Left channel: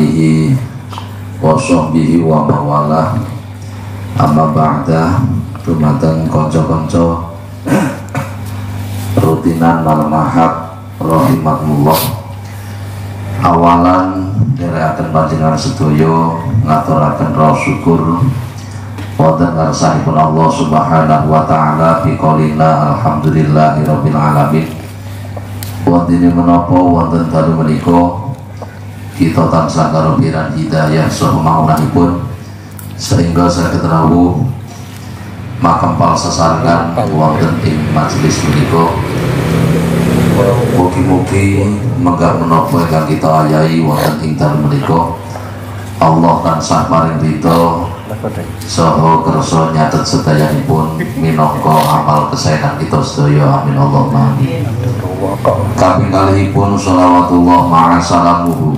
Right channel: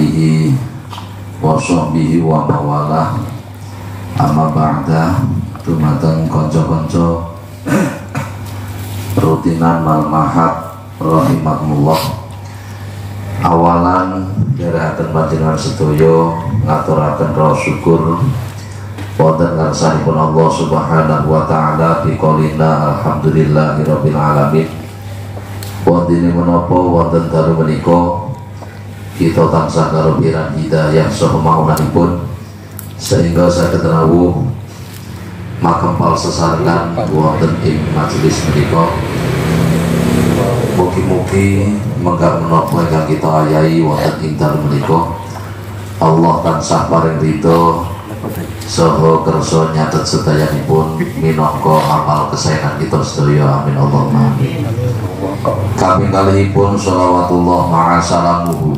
alihi wa sahbihi wa mawalah. Amma ba'da, dumateng kanca-kanca rutinan Al-Mahad rahimakumullah. Awalan dherekaken panjenengan sedaya ngaturaken raos syukur wonten ngarsahipun Allah Subhanahu wa taala biqaulina alhamdulillahirabbil alamin. Wonten menapa wonten dalu menika kita tansah karupiran hidayah saha maunanipun sehingga saged rawuh makampal sesarengan wonten ing majelis menika. Mugi-mugi menggak menapa ingkang kita ayahi wonten ing dalu menika Allah tansah paring ridho saha kersa nyatet sedayanipun minangka amal kesaenan kita sedaya. Amin Allahumma amin. Kaping kalihipun shalawatullah ma'a salamuhu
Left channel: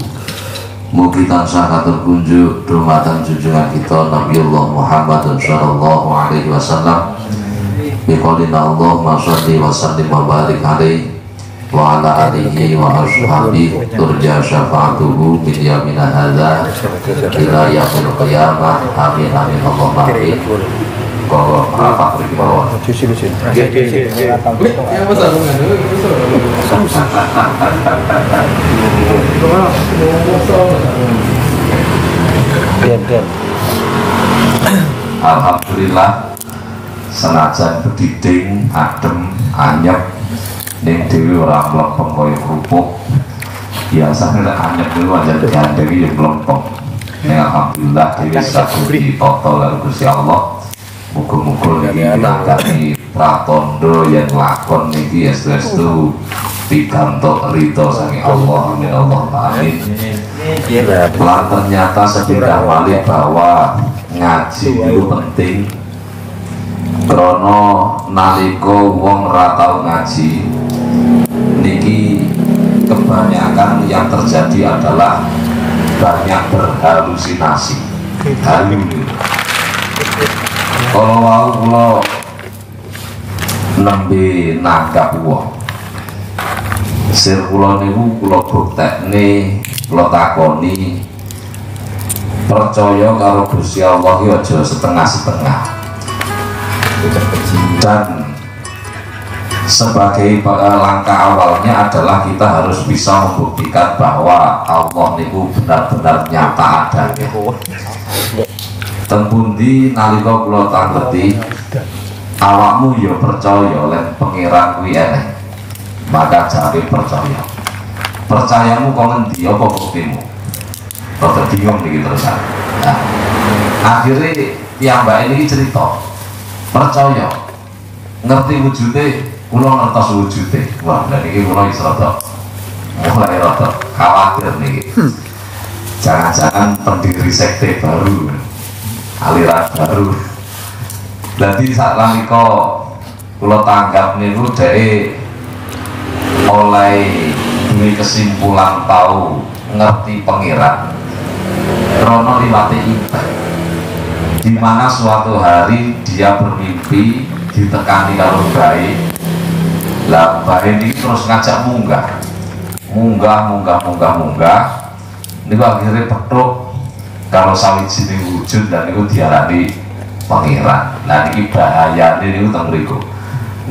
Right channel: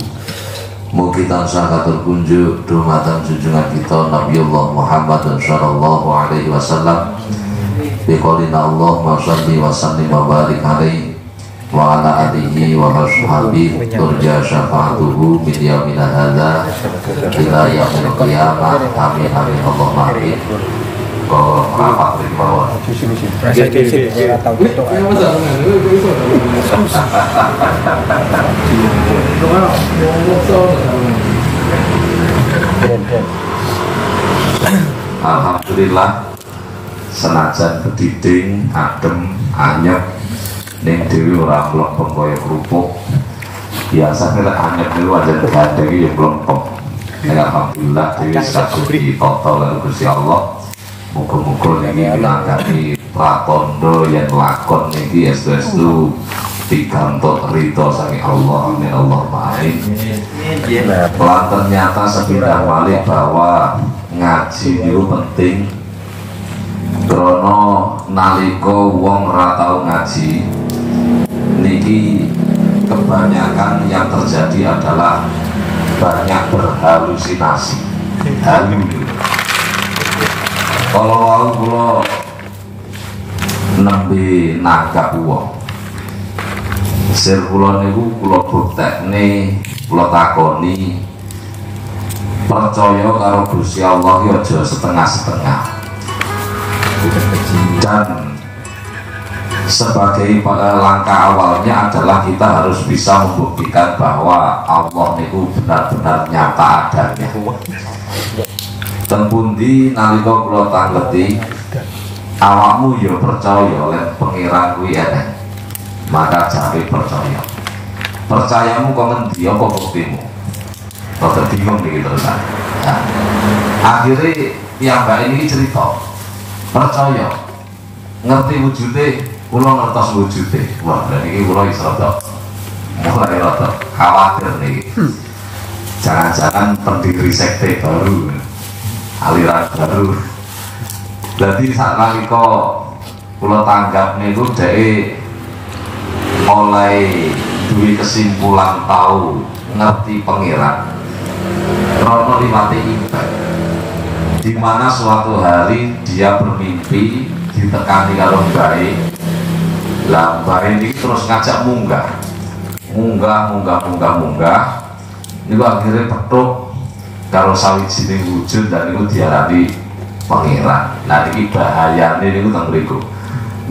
mugi tansah katur kunjuk dumateng junjungan kita Nabiullah Muhammad sallallahu alaihi wasallam biqaulina Allahumma shalli wa sallim wa barik alaihi wa ala alihi wa ashabihi turja syafa'atuhu min yamina hadza ila yaumil qiyamah. Amin amin Allahumma amin. Apa bawah alhamdulillah senajan bediding adem anyep ning dhewe ora mlempeng kaya kerupuk. Biasane lek anyep niku aja gandeng iki mlempeng. Alhamdulillah dhewe saged dipoto karo Gusti Allah. Muga-muga niki ngangkati pratondo yen lakon niki estu pikantuk ridho saking Allah. Amin Allahumma amin. Lan ternyata sepindah malih bahwa ngaji itu penting. Krana nalika wong ora tau ngaji niki kebanyakan yang terjadi adalah banyak berhalusinasi. Kalau kula nembe nanggap wong sir kula niku kula buktekne, kula takoni percaya karo Gusti Allah ki aja setengah-setengah. Dan sebagai langkah awalnya adalah kita harus bisa membuktikan bahwa Allah niku benar-benar nyata adanya. Tempundi nalika kula tangleti awakmu ya percaya lan pengiran kuwi eneh, maka jare percaya. Percayamu kok ngendi apa buktimu? Kok bingung iki terus. Nah, akhirnya piyambake ini cerita percaya ngerti wujude, kula ngertos wujude. Wah, dan iki kula iso mulai rada khawatir nih. Jangan-jangan pendiri sekte baru, aliran baru. Jadi saat nalika kula tanggap niku dhek oleh duwe kesimpulan tahu ngerti pengiran rono liwate ibadah, di mana suatu hari dia bermimpi ditekani karo bae. Lah bae ini terus ngajak munggah. Niku akhirnya petuk kalau sawijining wujud dan niku diarani pengiran. Nah iki bahayane niku teng mriku.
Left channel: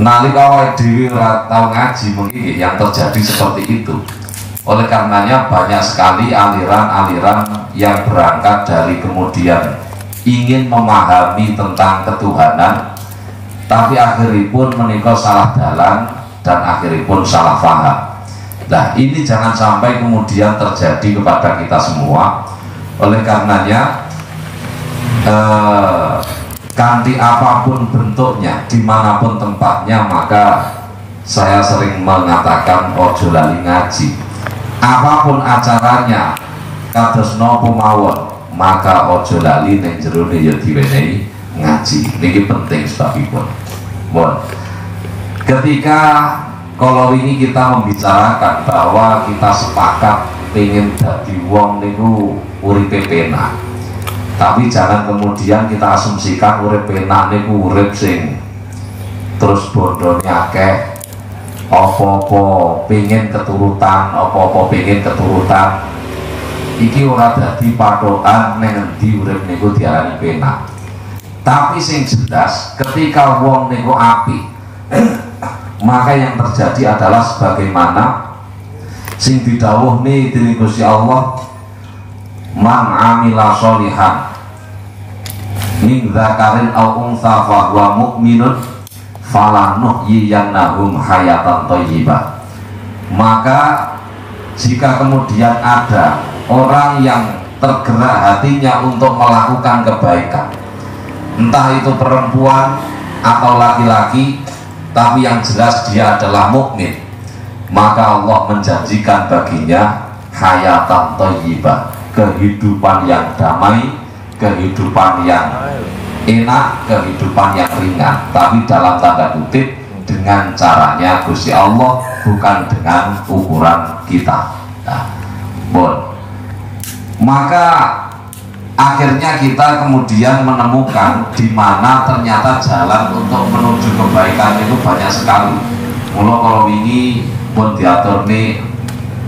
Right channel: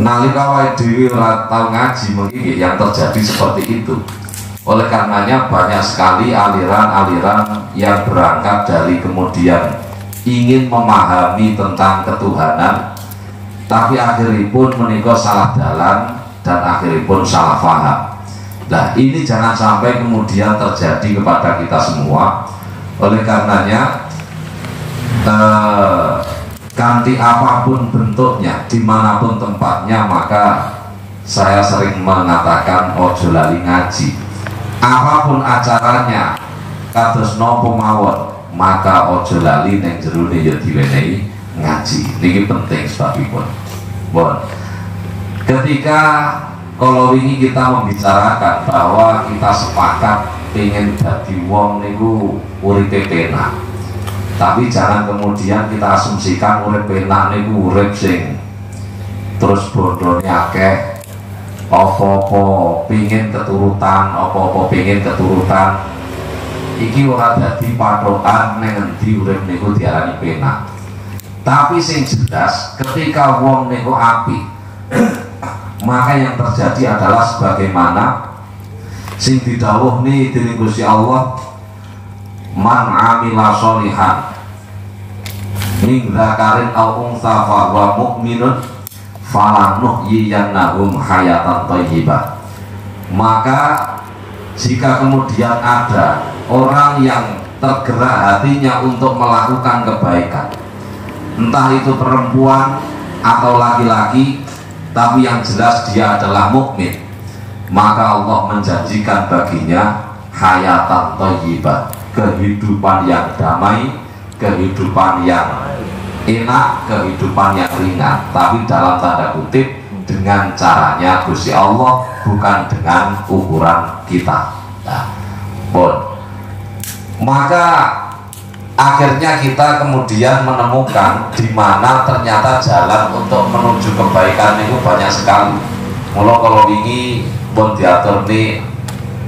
Nalika awake dhewe ora tau ngaji mengiki yang terjadi seperti itu. Oleh karenanya banyak sekali aliran-aliran yang berangkat dari kemudian ingin memahami tentang ketuhanan, tapi akhiripun menika salah dalan dan akhiripun salah faham. Nah ini jangan sampai kemudian terjadi kepada kita semua. Oleh karenanya kanthi apapun bentuknya, dimanapun tempatnya, maka saya sering mengatakan ojo lali ngaji. Apapun acaranya, kados napa mawon, maka ojo lali ning jerone ya diwenehi ngaji. Niki penting sebabipun. Bon. Ketika kalau ini kita membicarakan bahwa kita sepakat pengen dadi wong niku uripe penak. Tapi jangan kemudian kita asumsikan urip penak niku urip sing terus bondone akeh, apa-apa pengen keturutan, iki ora dadi patokan ning endi urip niku diarani penak. Tapi sing jelas ketika wong niku apik maka yang terjadi adalah sebagaimana sing didhawuhni dening Gusti Allah, man amila sholihan min dzakarin aw untha fa huwa mu'minun falanuhyiyannahu hayatan thayyibah. Maka jika kemudian ada orang yang tergerak hatinya untuk melakukan kebaikan, entah itu perempuan atau laki-laki, tapi yang jelas dia adalah mukmin, maka Allah menjanjikan baginya hayatan thayyibah, kehidupan yang damai, kehidupan yang enak, kehidupan yang ringan, tapi dalam tanda kutip dengan caranya Gusti Allah, bukan dengan ukuran kita. Nah, maka akhirnya kita kemudian menemukan di mana ternyata jalan untuk menuju kebaikan itu banyak sekali. Mula kalau ini pun diatur nih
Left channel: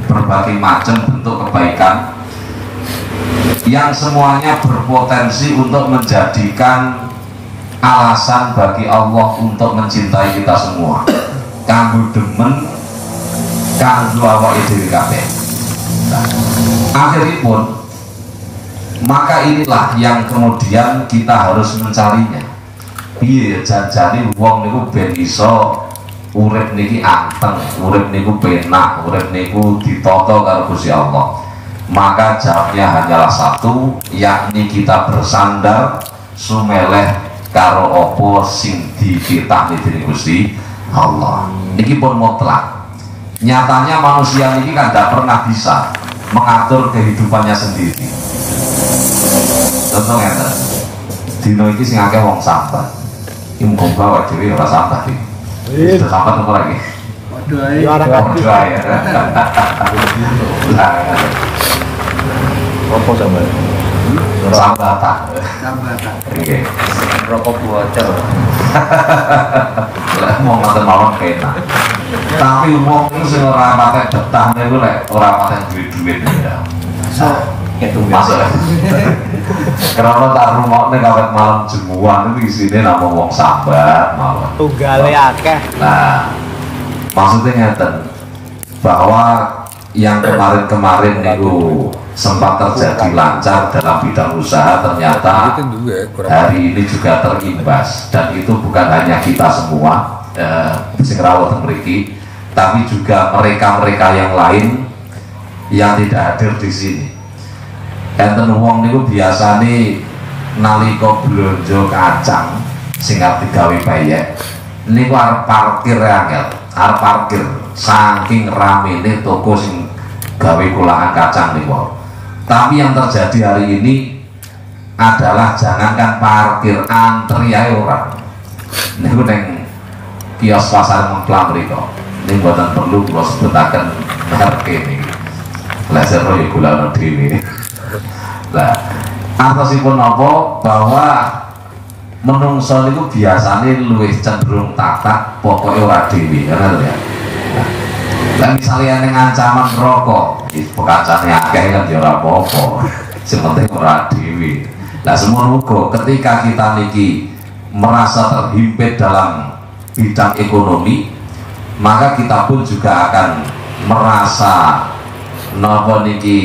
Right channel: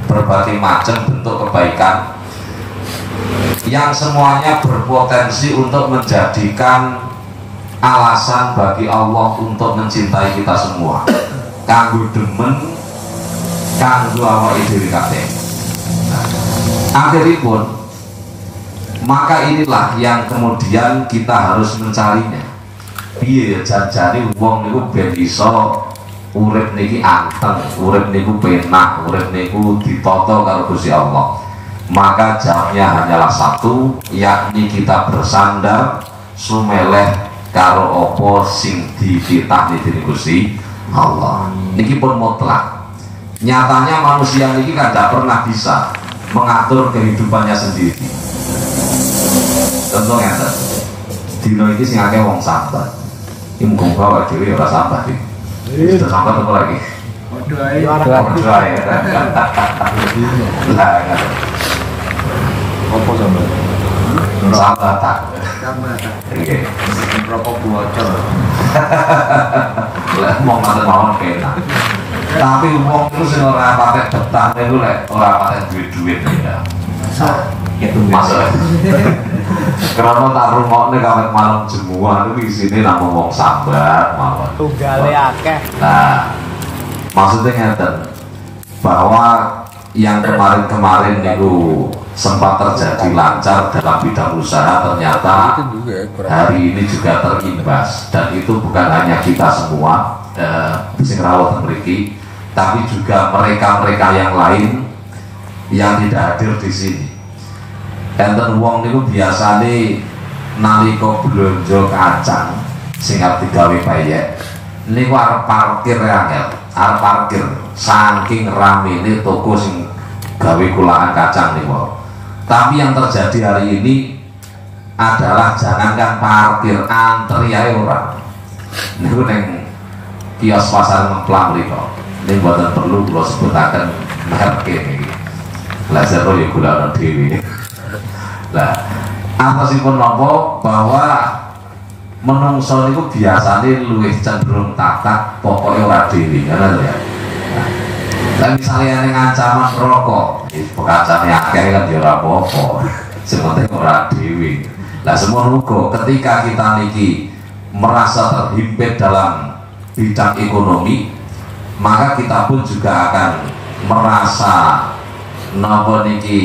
berbagai macam bentuk kebaikan yang semuanya berpotensi untuk menjadikan alasan bagi Allah untuk mencintai kita semua. Kanggo demen, kanggo awake dhewe kabeh. Akhiripun, maka inilah yang kemudian kita harus mencarinya. Piye janjane wong niku ben iso urip niki anteng, urip niku penak, urip niku ditata karo Gusti Allah. Maka jawabnya hanyalah satu, yakni kita bersandar sumeleh karo opo sing dititahni dening Gusti Allah. Niki pun mutlak. Nyatanya manusia ini kan tidak pernah bisa mengatur kehidupannya sendiri. Contohnya, dino ini sing akeh wong sambat. Iki mung bawa dhewe ora sambat iki. Sudah sambat apa lagi? Doa ya. Apa sambat? Sambatan. Oke. Rokok bocor. Lah mau ngoten mawon penak. Tapi wong itu sing ora pakai betah niku lek ora pakai duit-duit ya. Masuk. Karena tak rungokne kawet malam jemuan itu isine namung wong sambat mawon. Tunggale akeh. Nah, maksudnya ngeten bahwa yang kemarin-kemarin niku sempat terjadi lancar dalam bidang usaha, ternyata hari ini juga terimbas, dan itu bukan hanya kita semua sing rawuh mriki, tapi juga mereka-mereka yang lain yang tidak hadir di sini. Enten wong niku biasane nalika blonjo kacang sing arep digawe bayek niku arep parkir angel, arep parkir saking ramene toko sing gawe kulangan kacang niku. Tapi yang terjadi hari ini adalah jangankan parkir, antri ae ora. Niku ning kios pasar Mengklam mriku. Ning mboten perlu kula sebutaken merek niki. Laser ya kula ana dhewe. Lah, atosipun napa bahwa menungso niku biasane luwih cenderung tatak, pokoke ora dhewe, ngono ya. Lah misalnya ning ancaman rokok, kancane akeh kan ya ora apa-apa. Sing penting ora dhewe. Lah semono uga ketika kita niki merasa terhimpit dalam bidang ekonomi, maka kita pun juga akan merasa napa niki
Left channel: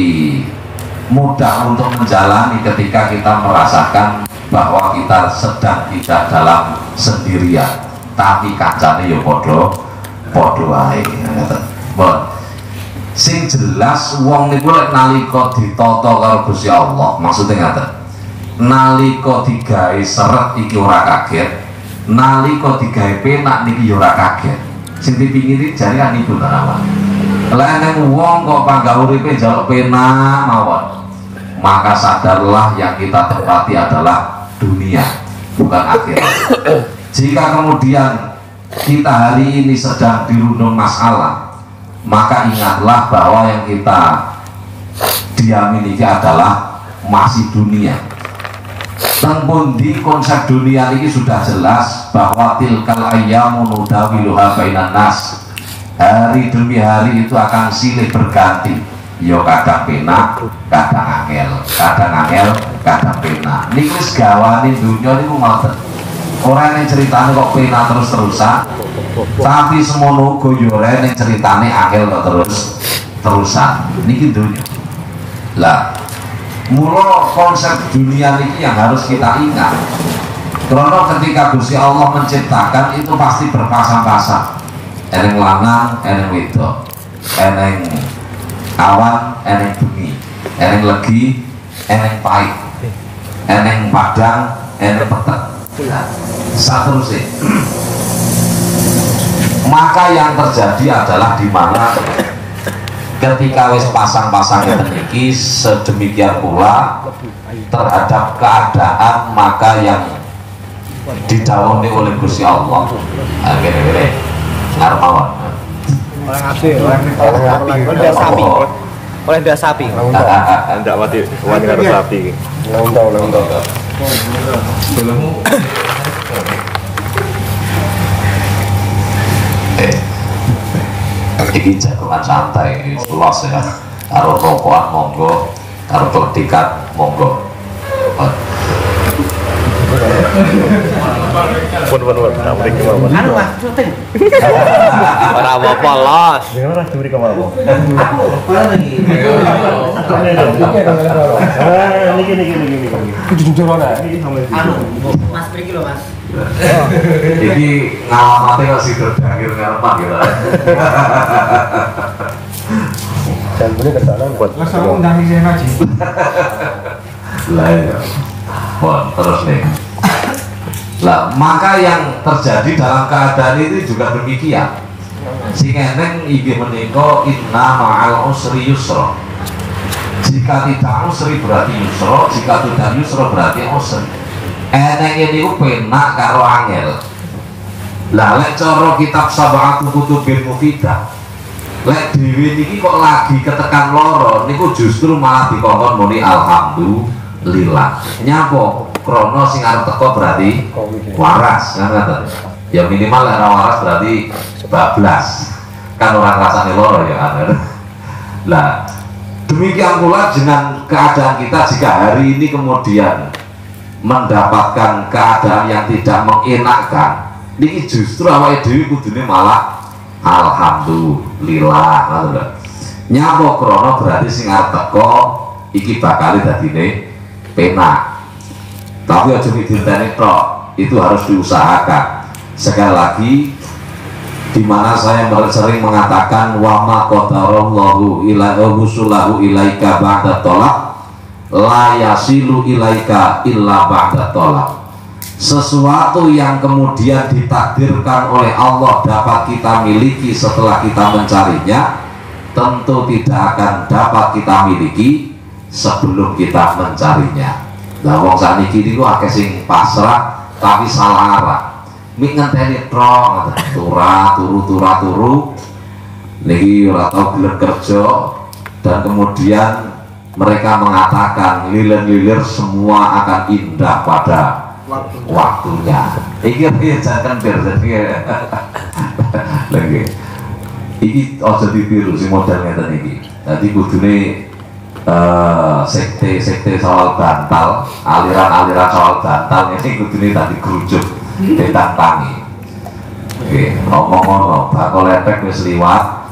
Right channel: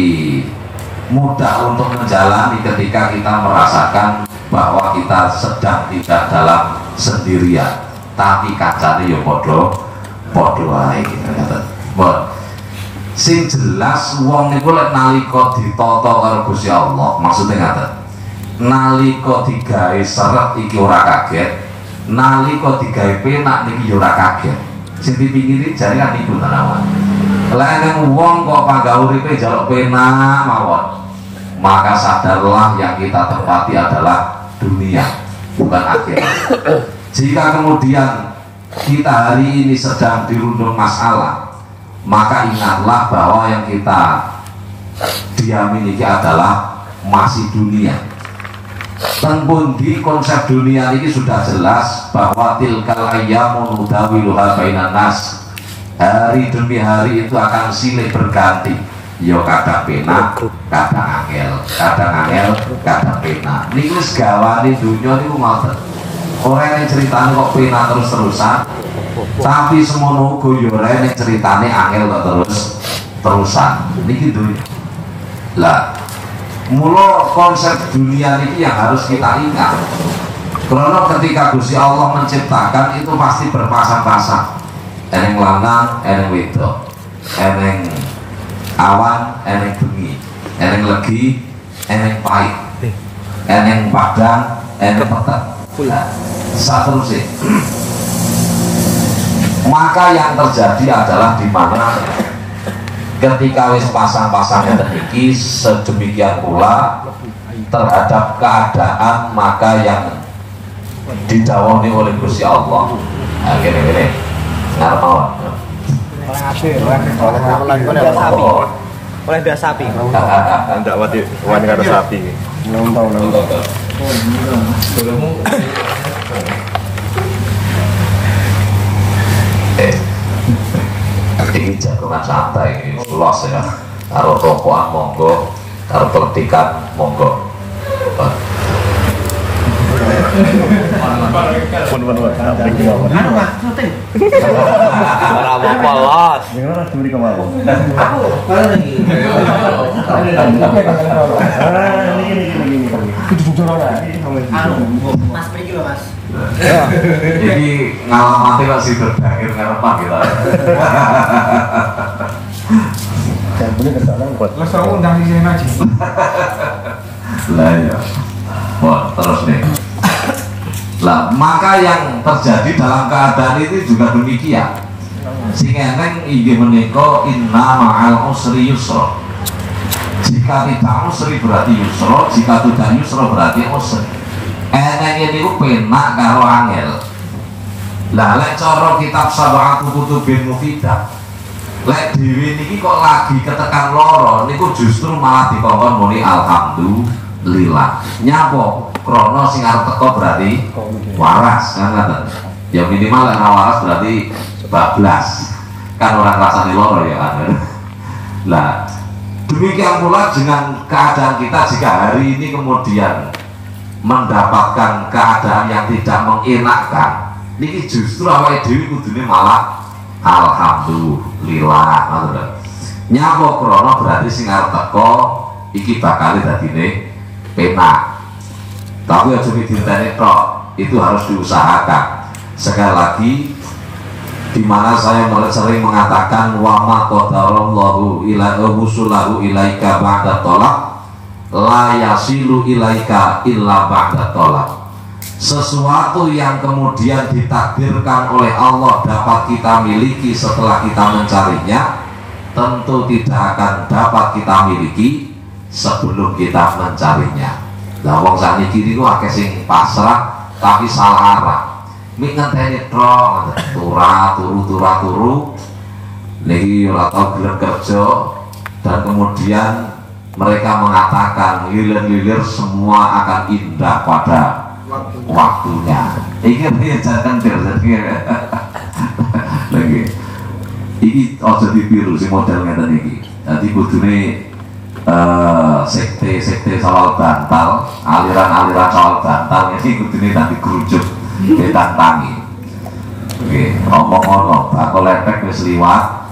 mudah untuk menjalani ketika kita merasakan bahwa kita sedang tidak dalam sendirian, tapi kancane ya padha wae. Sing jelas wong niku lek nalika ditata karo Gusti Allah, maksudnya ngaten. Nalika digawe seret iki ora kaget, nalika digawe penak niki ya ora kaget. Sing dipikiri jane kan iku nawan. Lah nek wong kok pangga uripe njaluk penak mawon, maka sadarlah yang kita tepati adalah dunia, bukan akhirat. Jika kemudian kita hari ini sedang dirundung masalah, maka ingatlah bahwa yang kita diami ini adalah masih dunia. Tengpundi konsep dunia ini sudah jelas bahwa tilkal ayyamu nudawiluha bainan nas. Hari demi hari itu akan silih berganti. yo kadang penak, kadang angel, kadang penak. Niku wis gawane dunya niku ngoten. Ora ning critane kok penak terus-terusan. Tapi semono uga yo ora ning critane angel kok terus-terusan. Niki dunya. Lah, mula konsep dunia niki yang harus kita ingat. Karena ketika Gusti Allah menciptakan itu pasti berpasang-pasang. Eneng lanang, eneng wedok, eneng awan, eneng bengi, eneng legi, eneng pahit, eneng padang, eneng peteng. Seterusnya. Maka yang terjadi adalah di mana ketika wis pasang-pasang iki sedemikian pula terhadap keadaan maka yang didawani oleh Gusti Allah. Nah, gini-gini ngarep mawon. Oleh sapi. Oleh biasa sapi. Enggak wani karo sapi iki. Iki jatuhan santai, ini luas ya. Karo rokokan monggo, karo keletikan monggo. Ora apa-apa los. Mas pergi loh mas. Ini ngalamati kok si berdangir ngarepak gitu. Dan boleh kesana buat. Terus aku undang sini aja. Lah ya. Wah, terus nih. Lah, maka yang terjadi dalam keadaan itu juga demikian. Sing eneng inggih menika inna ma'al usri yusra. Jika tidak usri berarti yusra, jika tidak yusra berarti usri. Eneng niku penak karo angel. Lah lek cara kitab Sab'atu Kutubin Mufidah, lek dhewe niki kok lagi ketekan loro niku justru malah dikongkon muni alhamdulillah. Nyapa? Krono sing arep teko berarti waras kan ngoten. Ya minimal lek ora waras berarti bablas. Kan orang rasane loro ya kan. Lah demikian pula dengan keadaan kita jika hari ini kemudian mendapatkan keadaan yang tidak mengenakkan, ini justru awake dhewe kudune malah alhamdulillah ngoten. Nyapa krono berarti sing arep teko iki bakal dadine penak. Tapi aja dinteni tok, itu harus diusahakan. Sekali lagi, di mana saya mulai sering mengatakan wa ma qadarallahu ila usulahu ilaika ba'da tolak la yasilu ilaika illa ba'da tolak. Sesuatu yang kemudian ditakdirkan oleh Allah dapat kita miliki setelah kita mencarinya, tentu tidak akan dapat kita miliki sebelum kita mencarinya. Lah wong sakniki niku akeh sing pasrah tapi salah arah. Mik ngenteni tok turu. Niki ora tau gelem kerja dan kemudian mereka mengatakan lilir-lilir semua akan indah pada waktunya. Iki piye jangan terjadi. Lagi. Iki aja ditiru sing model ngeten iki. Dadi kudune sekte soal bantal, aliran soal bantal ini kudune tadi kerucut ditantangi. Oke, ngomong-ngomong, bakal lepek wis liwat,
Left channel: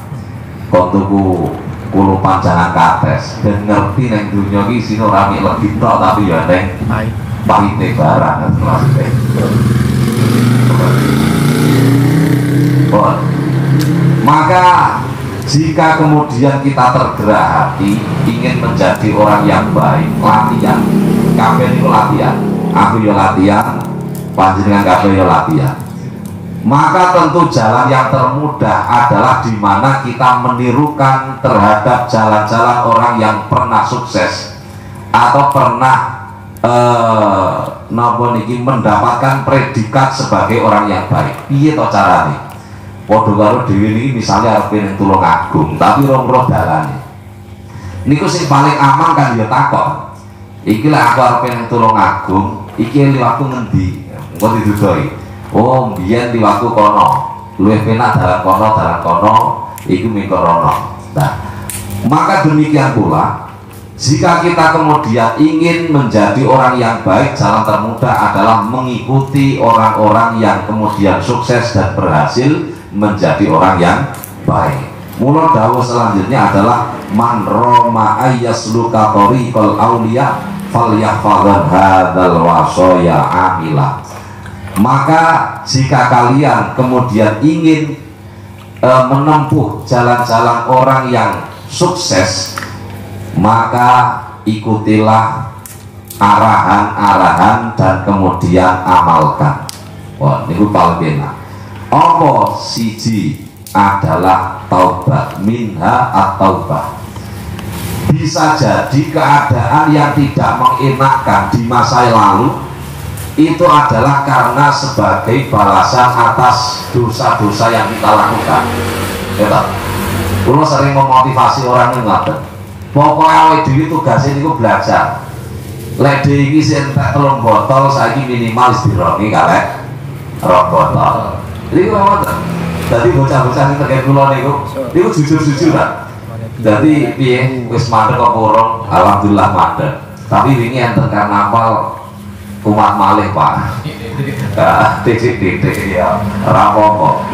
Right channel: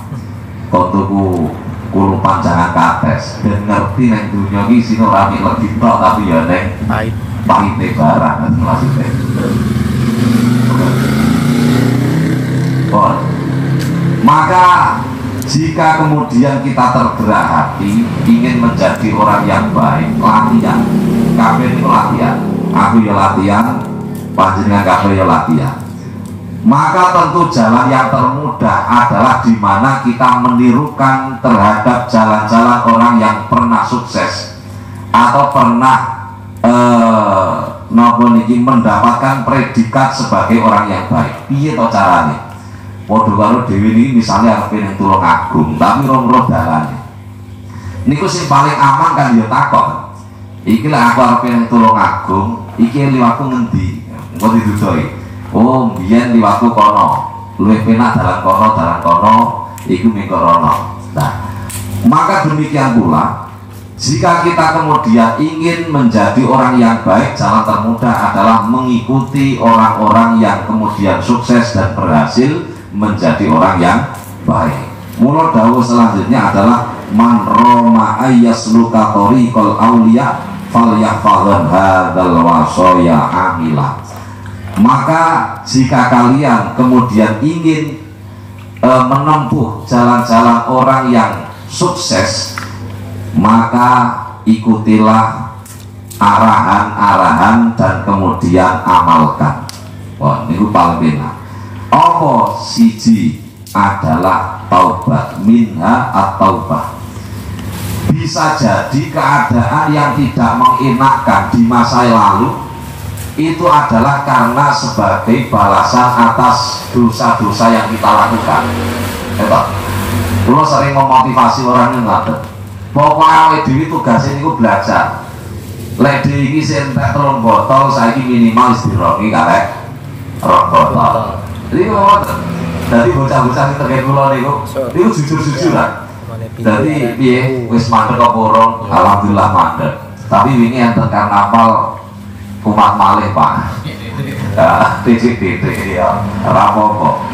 kontuku kulo panjangan kates, dan ngerti neng dunia ini sini rame lebih tok tapi ya neng pahitnya barang maksudnya. Maka jika kemudian kita tergerak hati ingin menjadi orang yang baik, latihan. Kabeh itu latihan. Aku ya latihan, panjenengan kabeh ya latihan. Maka tentu jalan yang termudah adalah di mana kita menirukan terhadap jalan-jalan orang yang pernah sukses atau pernah mendapatkan predikat sebagai orang yang baik. Piye to carane? Waduh karo dhewe ini misalnya arep ning Tulungagung tapi ora dalane. Niku sing paling aman kan ya takon. Iki lek aku arep ning Tulungagung, iki liwatku ngendi? Engko didudoi. Oh, biyen liwatku kono. Luwih penak dalan kono, iku ming rono. Nah, Maka demikian pula, jika kita kemudian ingin menjadi orang yang baik, jalan termudah adalah mengikuti orang-orang yang kemudian sukses dan berhasil menjadi orang yang baik. Mula dawuh selanjutnya adalah man roma ayyasluka tariqal auliya falyahfadhan hadzal wasaya amila. Maka jika kalian kemudian ingin menempuh jalan-jalan orang yang sukses, maka ikutilah arahan-arahan dan kemudian amalkan. Wah, ini paling benar. Apa siji adalah taubat, minha at-taubah. Bisa jadi keadaan yang tidak mengenakkan di masa lalu itu adalah karena sebagai balasan atas dosa-dosa yang kita lakukan. Kalau sering memotivasi orang yang ngapain, pokoknya awal diri tugasnya itu belajar. Lek ini sentak telung botol, saya minimal istirohi karek rong botol. Jadi ngomong, jadi bocah-bocah yang terkait pulau itu jujur-jujur kan. Jadi piye wis mandek apa urung? Alhamdulillah mandek. Tapi wingi enten karnaval umat malih Pak. Ya, titik-titik ya, rapopo.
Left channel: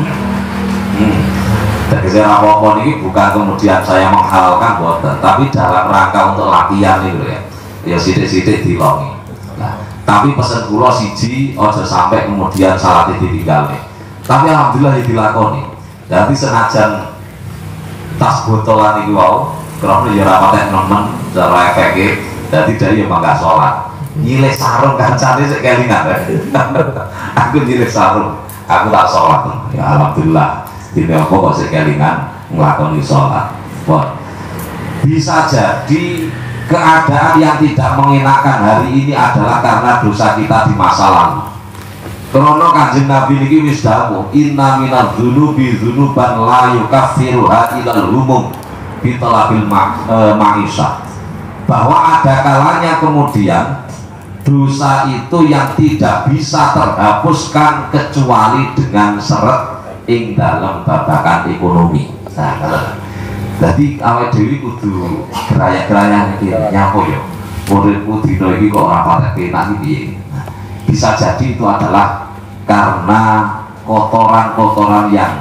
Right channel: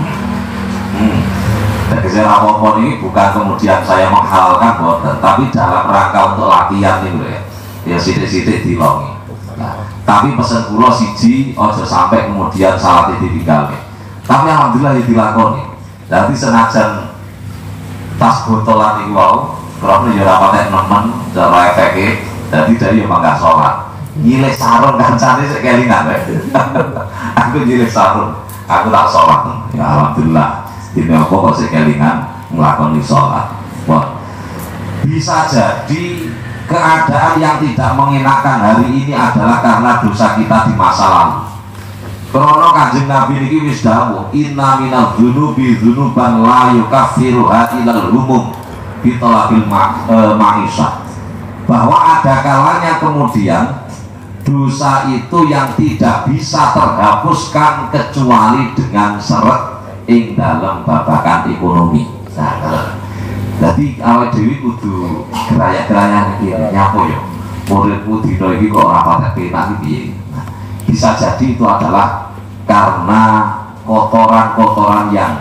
Jadi rapopo ini bukan kemudian saya menghalalkan boten, tapi dalam rangka untuk latihan itu ya. Ya sidik-sidik dilongi. Nah, tapi pesan kula siji aja sampai kemudian salah ditinggal. Tapi alhamdulillah dilakoni. Jadi senajan tas botolan iki wau, karena ya ora patek nemen, cara efeke, dadi dari ya mangga salat. Nyilih sarung kancane sik kelingan. Aku nyilih sarung, aku tak salat. Ya alhamdulillah. Dene apa kok sik kelingan nglakoni salat. Wah. Bisa jadi keadaan yang tidak mengenakan hari ini adalah karena dosa kita di masa lalu. Karena Kanjeng Nabi niki wis dawuh, inna minadz dzunubi dzunuban la yukaffiruha ilal humum bi talabil ma'isah. Bahwa ada kalanya kemudian dosa itu yang tidak bisa terhapuskan kecuali dengan seret ing dalam babakan ekonomi. Nah, jadi awal dewi kudu geraya-geraya iki nyapa ya. Uripku dina iki kok ora patek penak iki. Bisa jadi itu adalah karena kotoran-kotoran yang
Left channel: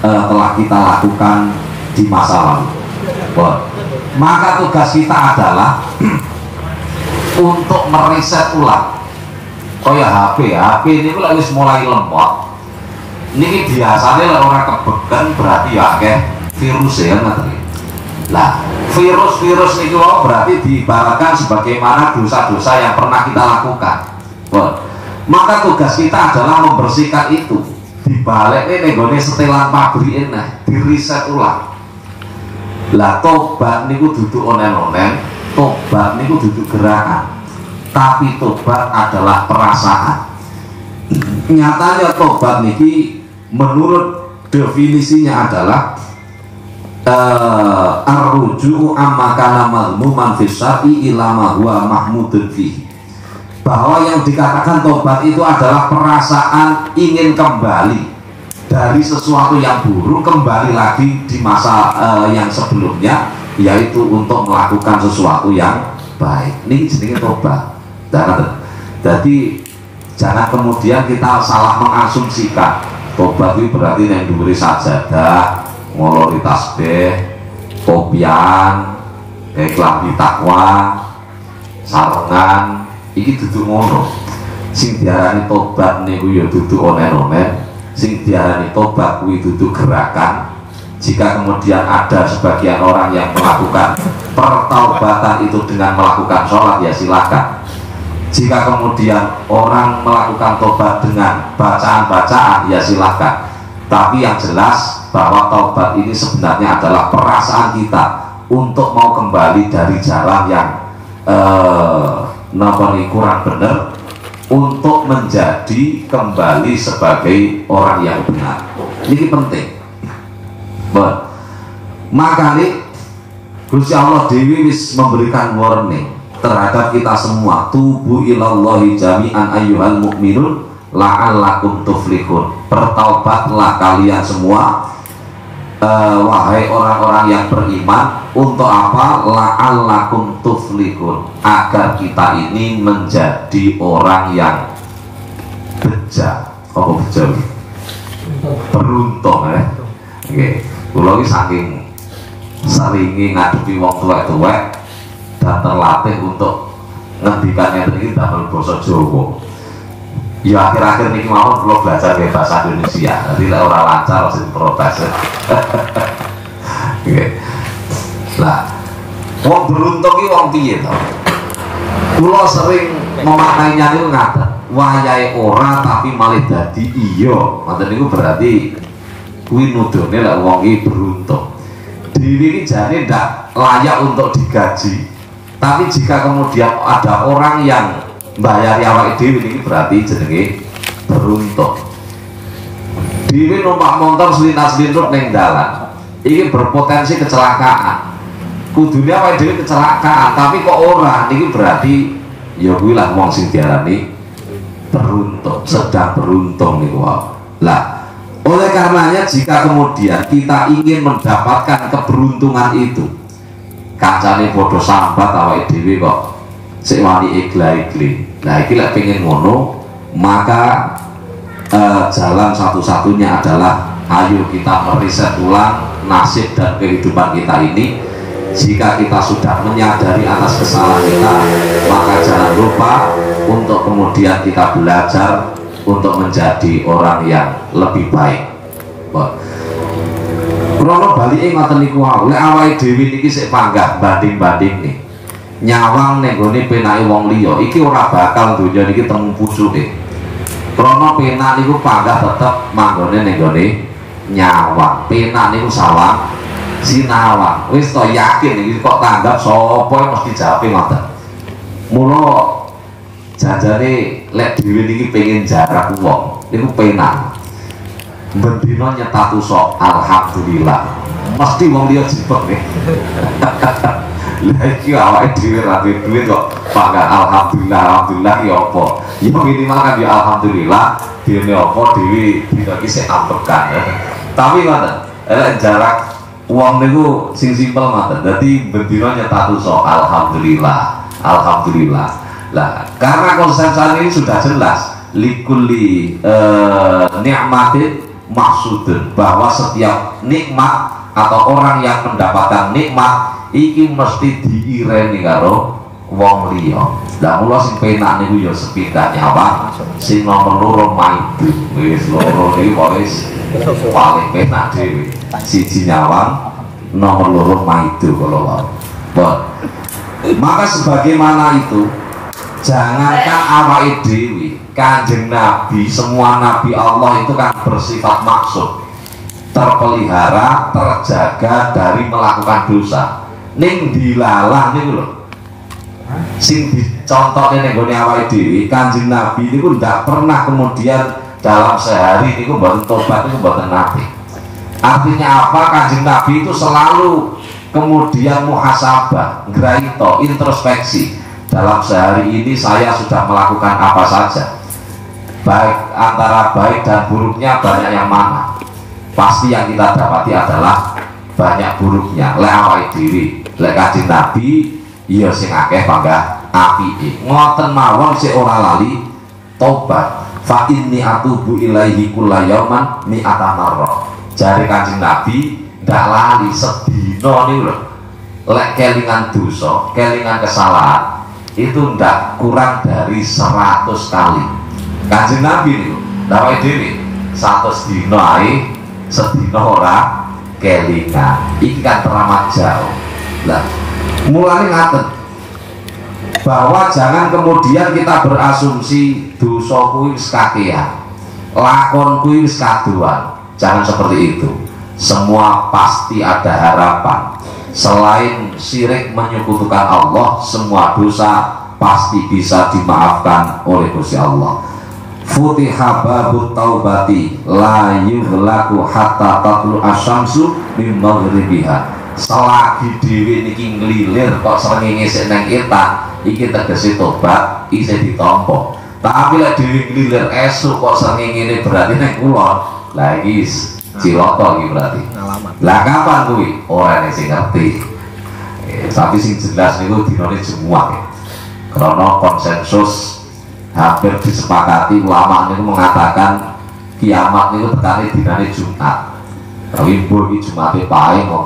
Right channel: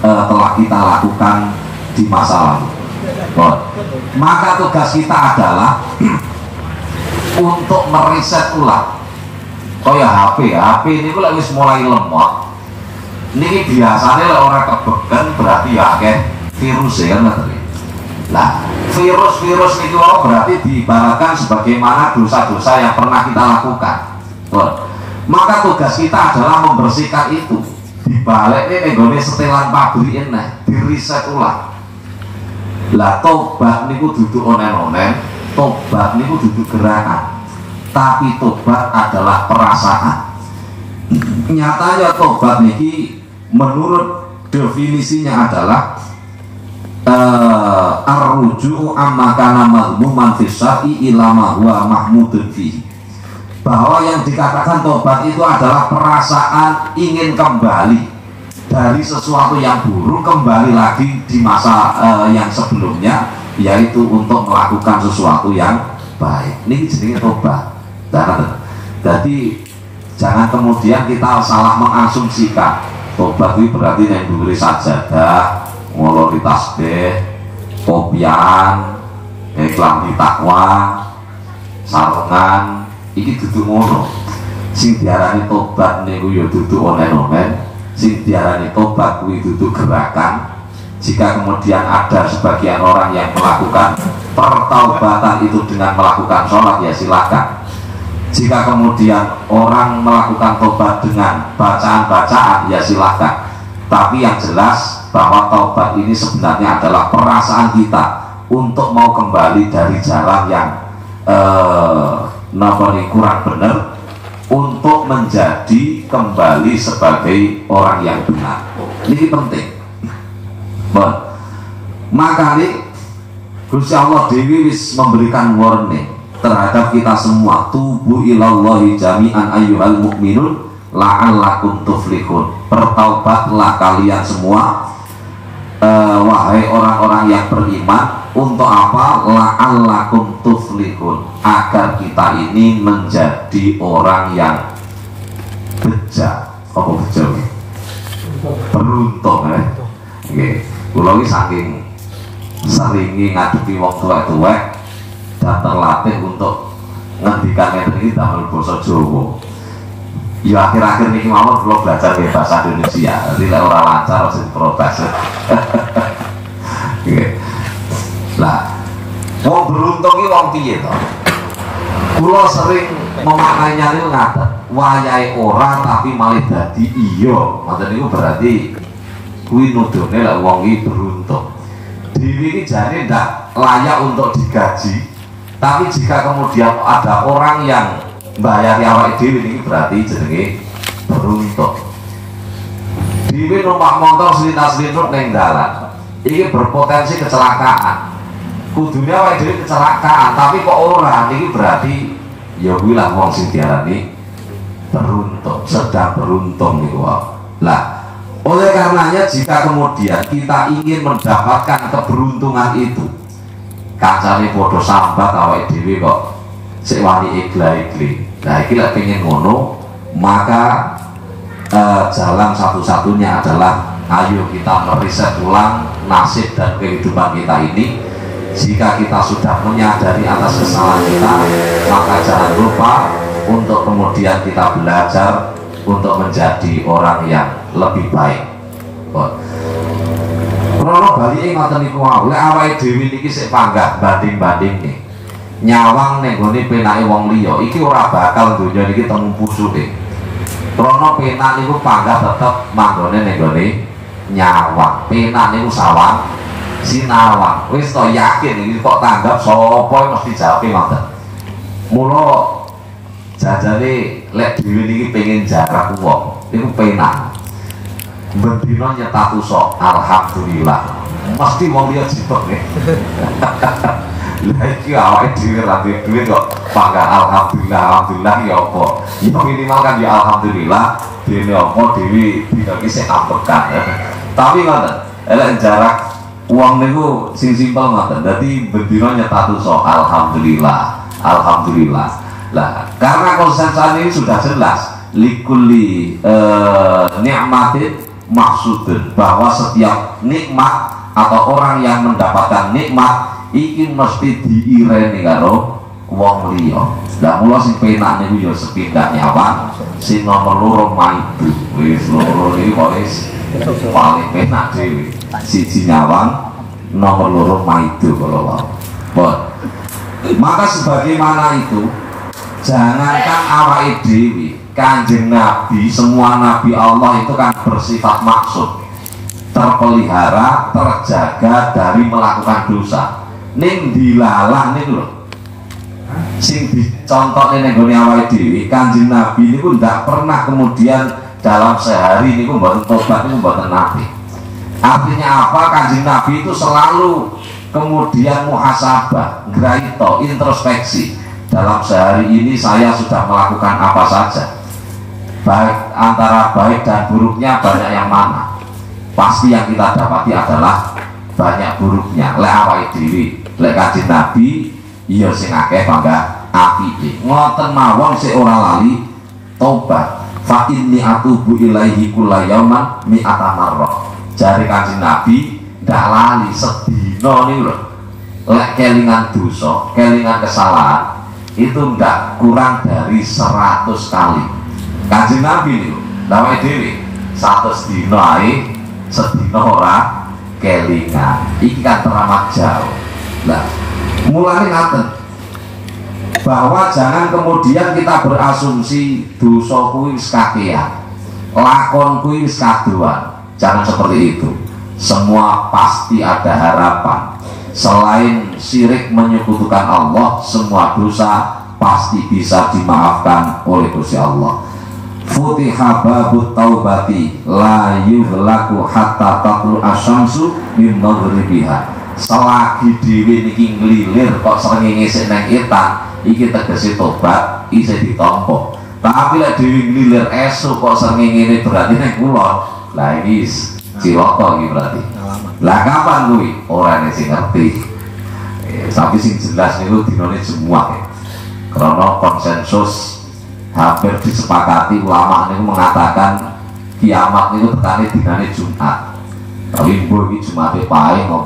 telah kita lakukan di masa lalu. Maka tugas kita adalah untuk meriset ulang. Kaya HP ini kalau wis mulai lemot, ini biasanya orang kebekan berarti ya kayak virus ya ngerti. Nah, virus itu berarti diibaratkan sebagaimana dosa-dosa yang pernah kita lakukan. Maka tugas kita adalah membersihkan itu. Dibalik ini nggone setelan pabrik ini diriset ulang. Lah tobat niku duduk onen-onen, tobat niku duduk gerakan. Tapi tobat adalah perasaan. Nyatanya tobat niki menurut definisinya adalah ar-ruju'u amma kana mazmuman fi syar'i ila ma huwa mahmudun fihi. Bahwa yang dikatakan tobat itu adalah perasaan ingin kembali dari sesuatu yang buruk kembali lagi di masa yang sebelumnya, yaitu untuk melakukan sesuatu yang baik. Ini jenenge tobat. Jadi jangan kemudian kita salah mengasumsikan tobat itu berarti yang diberi sajadah, ngolori tasbih, kopian, klambi takwa, sarungan. Iki duduk ngono. Sing diarani tobat niku ya duduk onen-onen, sing diarani tobat kuwi duduk gerakan. Jika kemudian ada sebagian orang yang melakukan pertaubatan itu dengan melakukan sholat, ya silakan. Jika kemudian orang melakukan tobat dengan bacaan-bacaan, ya silakan. Tapi yang jelas bahwa taubat ini sebenarnya adalah perasaan kita untuk mau kembali dari jalan yang kurang benar, untuk menjadi kembali sebagai orang yang benar. Ini penting. Maka nih Gusti Allah Dewi wis memberikan warning terhadap kita semua. Tubu ilallahi jami'an ayyuhal mu'minun la'allakum tuflihun. Bertaubatlah kalian semua wahai orang-orang yang beriman, untuk apa? La'allakum tuflihun, agar kita ini menjadi orang yang beja, apa beja? Beruntung ya. Oke, kula iki saking seringi ngadepi wong tuwek-tuwek dan terlatih untuk ngendikan ini dalam basa Jawa. Ya akhir-akhir niki mawon kula belajar ke bahasa Indonesia. Jadi lek ora lancar harus diprotes. Oke. Lah, wong beruntung iki wong piye to? Kula sering memaknainya niku ngaten. Wayahe ora tapi malah dadi iya. Ngoten niku berarti kuwi nudone lek wong iki beruntung. Diri iki jane ndak layak untuk digaji. Tapi jika kemudian ada orang yang bayar awake dhewe iki berarti jenenge beruntung. Dhewe numpak motor selintas-lintas ning dalan, iki berpotensi kecelakaan. Kudune awake dhewe kecelakaan, tapi kok ora, iki berarti ya kuwi lah wong sing diarani beruntung, sedang beruntung niku wae. Lah, oleh karenanya jika kemudian kita ingin mendapatkan keberuntungan itu, kancane padha sambat awake dhewe kok sik wani igla-igli. Nah, iki lek pengen ngono, maka jalan satu-satunya adalah ayo kita meriset ulang nasib dan kehidupan kita ini. Jika kita sudah menyadari atas kesalahan kita, maka jangan lupa untuk kemudian kita belajar untuk menjadi orang yang lebih baik. Krono balike ngoten niku wae, lek awake dhewe niki sik panggah banding-banding nih. Nyawang ning gone penake wong liya iki ora bakal donya niki temu pucuke. Krana penak niku panggah tetep manggone ning gone nyawang. Penak niku sawang sinawang. Wis to yakin iki kok tanggap sapa mesti jawabe ngoten. Mula jajane lek dhewe niki pengen jarak wong niku penak. Bendina nyetatu sok alhamdulillah. Mesti wong liya jipek nggih. Lah iki awake dhewe ra duwe kok panggah alhamdulillah, alhamdulillah ya apa? Ya minimal kan ya alhamdulillah, dene apa dhewe dina iki sik ambekan. Tapi ngoten, elek jarak wong niku sing simpel ngoten. Dadi bendina nyetatu sok alhamdulillah, alhamdulillah. Lah, karena konsep ini sudah jelas likulli nikmatin maksudun, bahwa setiap nikmat atau orang yang mendapatkan nikmat iki mesti diireni karo wong liya. Lah mula sing penak niku ya sepindah nyawa, sing nomor loro maidu. Wis loro iki wis paling penak dhewe. Siji nyawang, nomor loro maidu kalau wae. Maka sebagaimana itu, jangankan awake dhewe, Kanjeng Nabi, semua Nabi Allah itu kan bersifat maksud, terpelihara, terjaga dari melakukan dosa. Ning dilalah niku lho. Sing dicontohke ning gone awake dhewe, Kanjeng Nabi niku ndak pernah kemudian dalam sehari niku mboten tobat niku mboten nate. Artinya apa? Kanjeng Nabi itu selalu kemudian muhasabah, ngraito, introspeksi. Dalam sehari ini saya sudah melakukan apa saja. Baik antara baik dan buruknya banyak yang mana? Pasti yang kita dapati adalah banyak buruknya. Lek awake dhewe, lek Kanjeng Nabi iya sing akeh panggah apike. Ngoten mawon sik ora lali tobat. Fa inni atubu ilaihi kullayauman mi'ata marrah. Jare Kanjeng Nabi ndak lali sedina niku lho. Lek kelingan dosa, kelingan kesalahan itu ndak kurang dari 100 kali. Kanjeng Nabi niku awake dhewe 100 dina ae sedina ora kelingan. Iki kan teramat jauh. Lah, mulai ngaten bahwa jangan kemudian kita berasumsi dosa kuwi wis kakean, lakon kuwi wis kadoan. Jangan seperti itu. Semua pasti ada harapan. Selain syirik menyekutukan Allah, semua dosa pasti bisa dimaafkan oleh Gusti Allah. Futiha babut taubati la yughlaqu hatta tatlu asyamsu min maghribiha. Selagi dhewe niki nglilir kok srengenge sik nang etan, iki tegese tobat isih ditampa. Tapi lek dhewe nglilir esuk kok srengenge berarti nang kulon. Lah iki Ciloko iki berarti. Lah kapan kuwi? Ora nek sing ngerti. Tapi sing jelas niku dinane Jumat. Karena konsensus hampir disepakati ulama niku mengatakan kiamat niku tekane dinane Jumat. Tapi mbok iki Jumate pae apa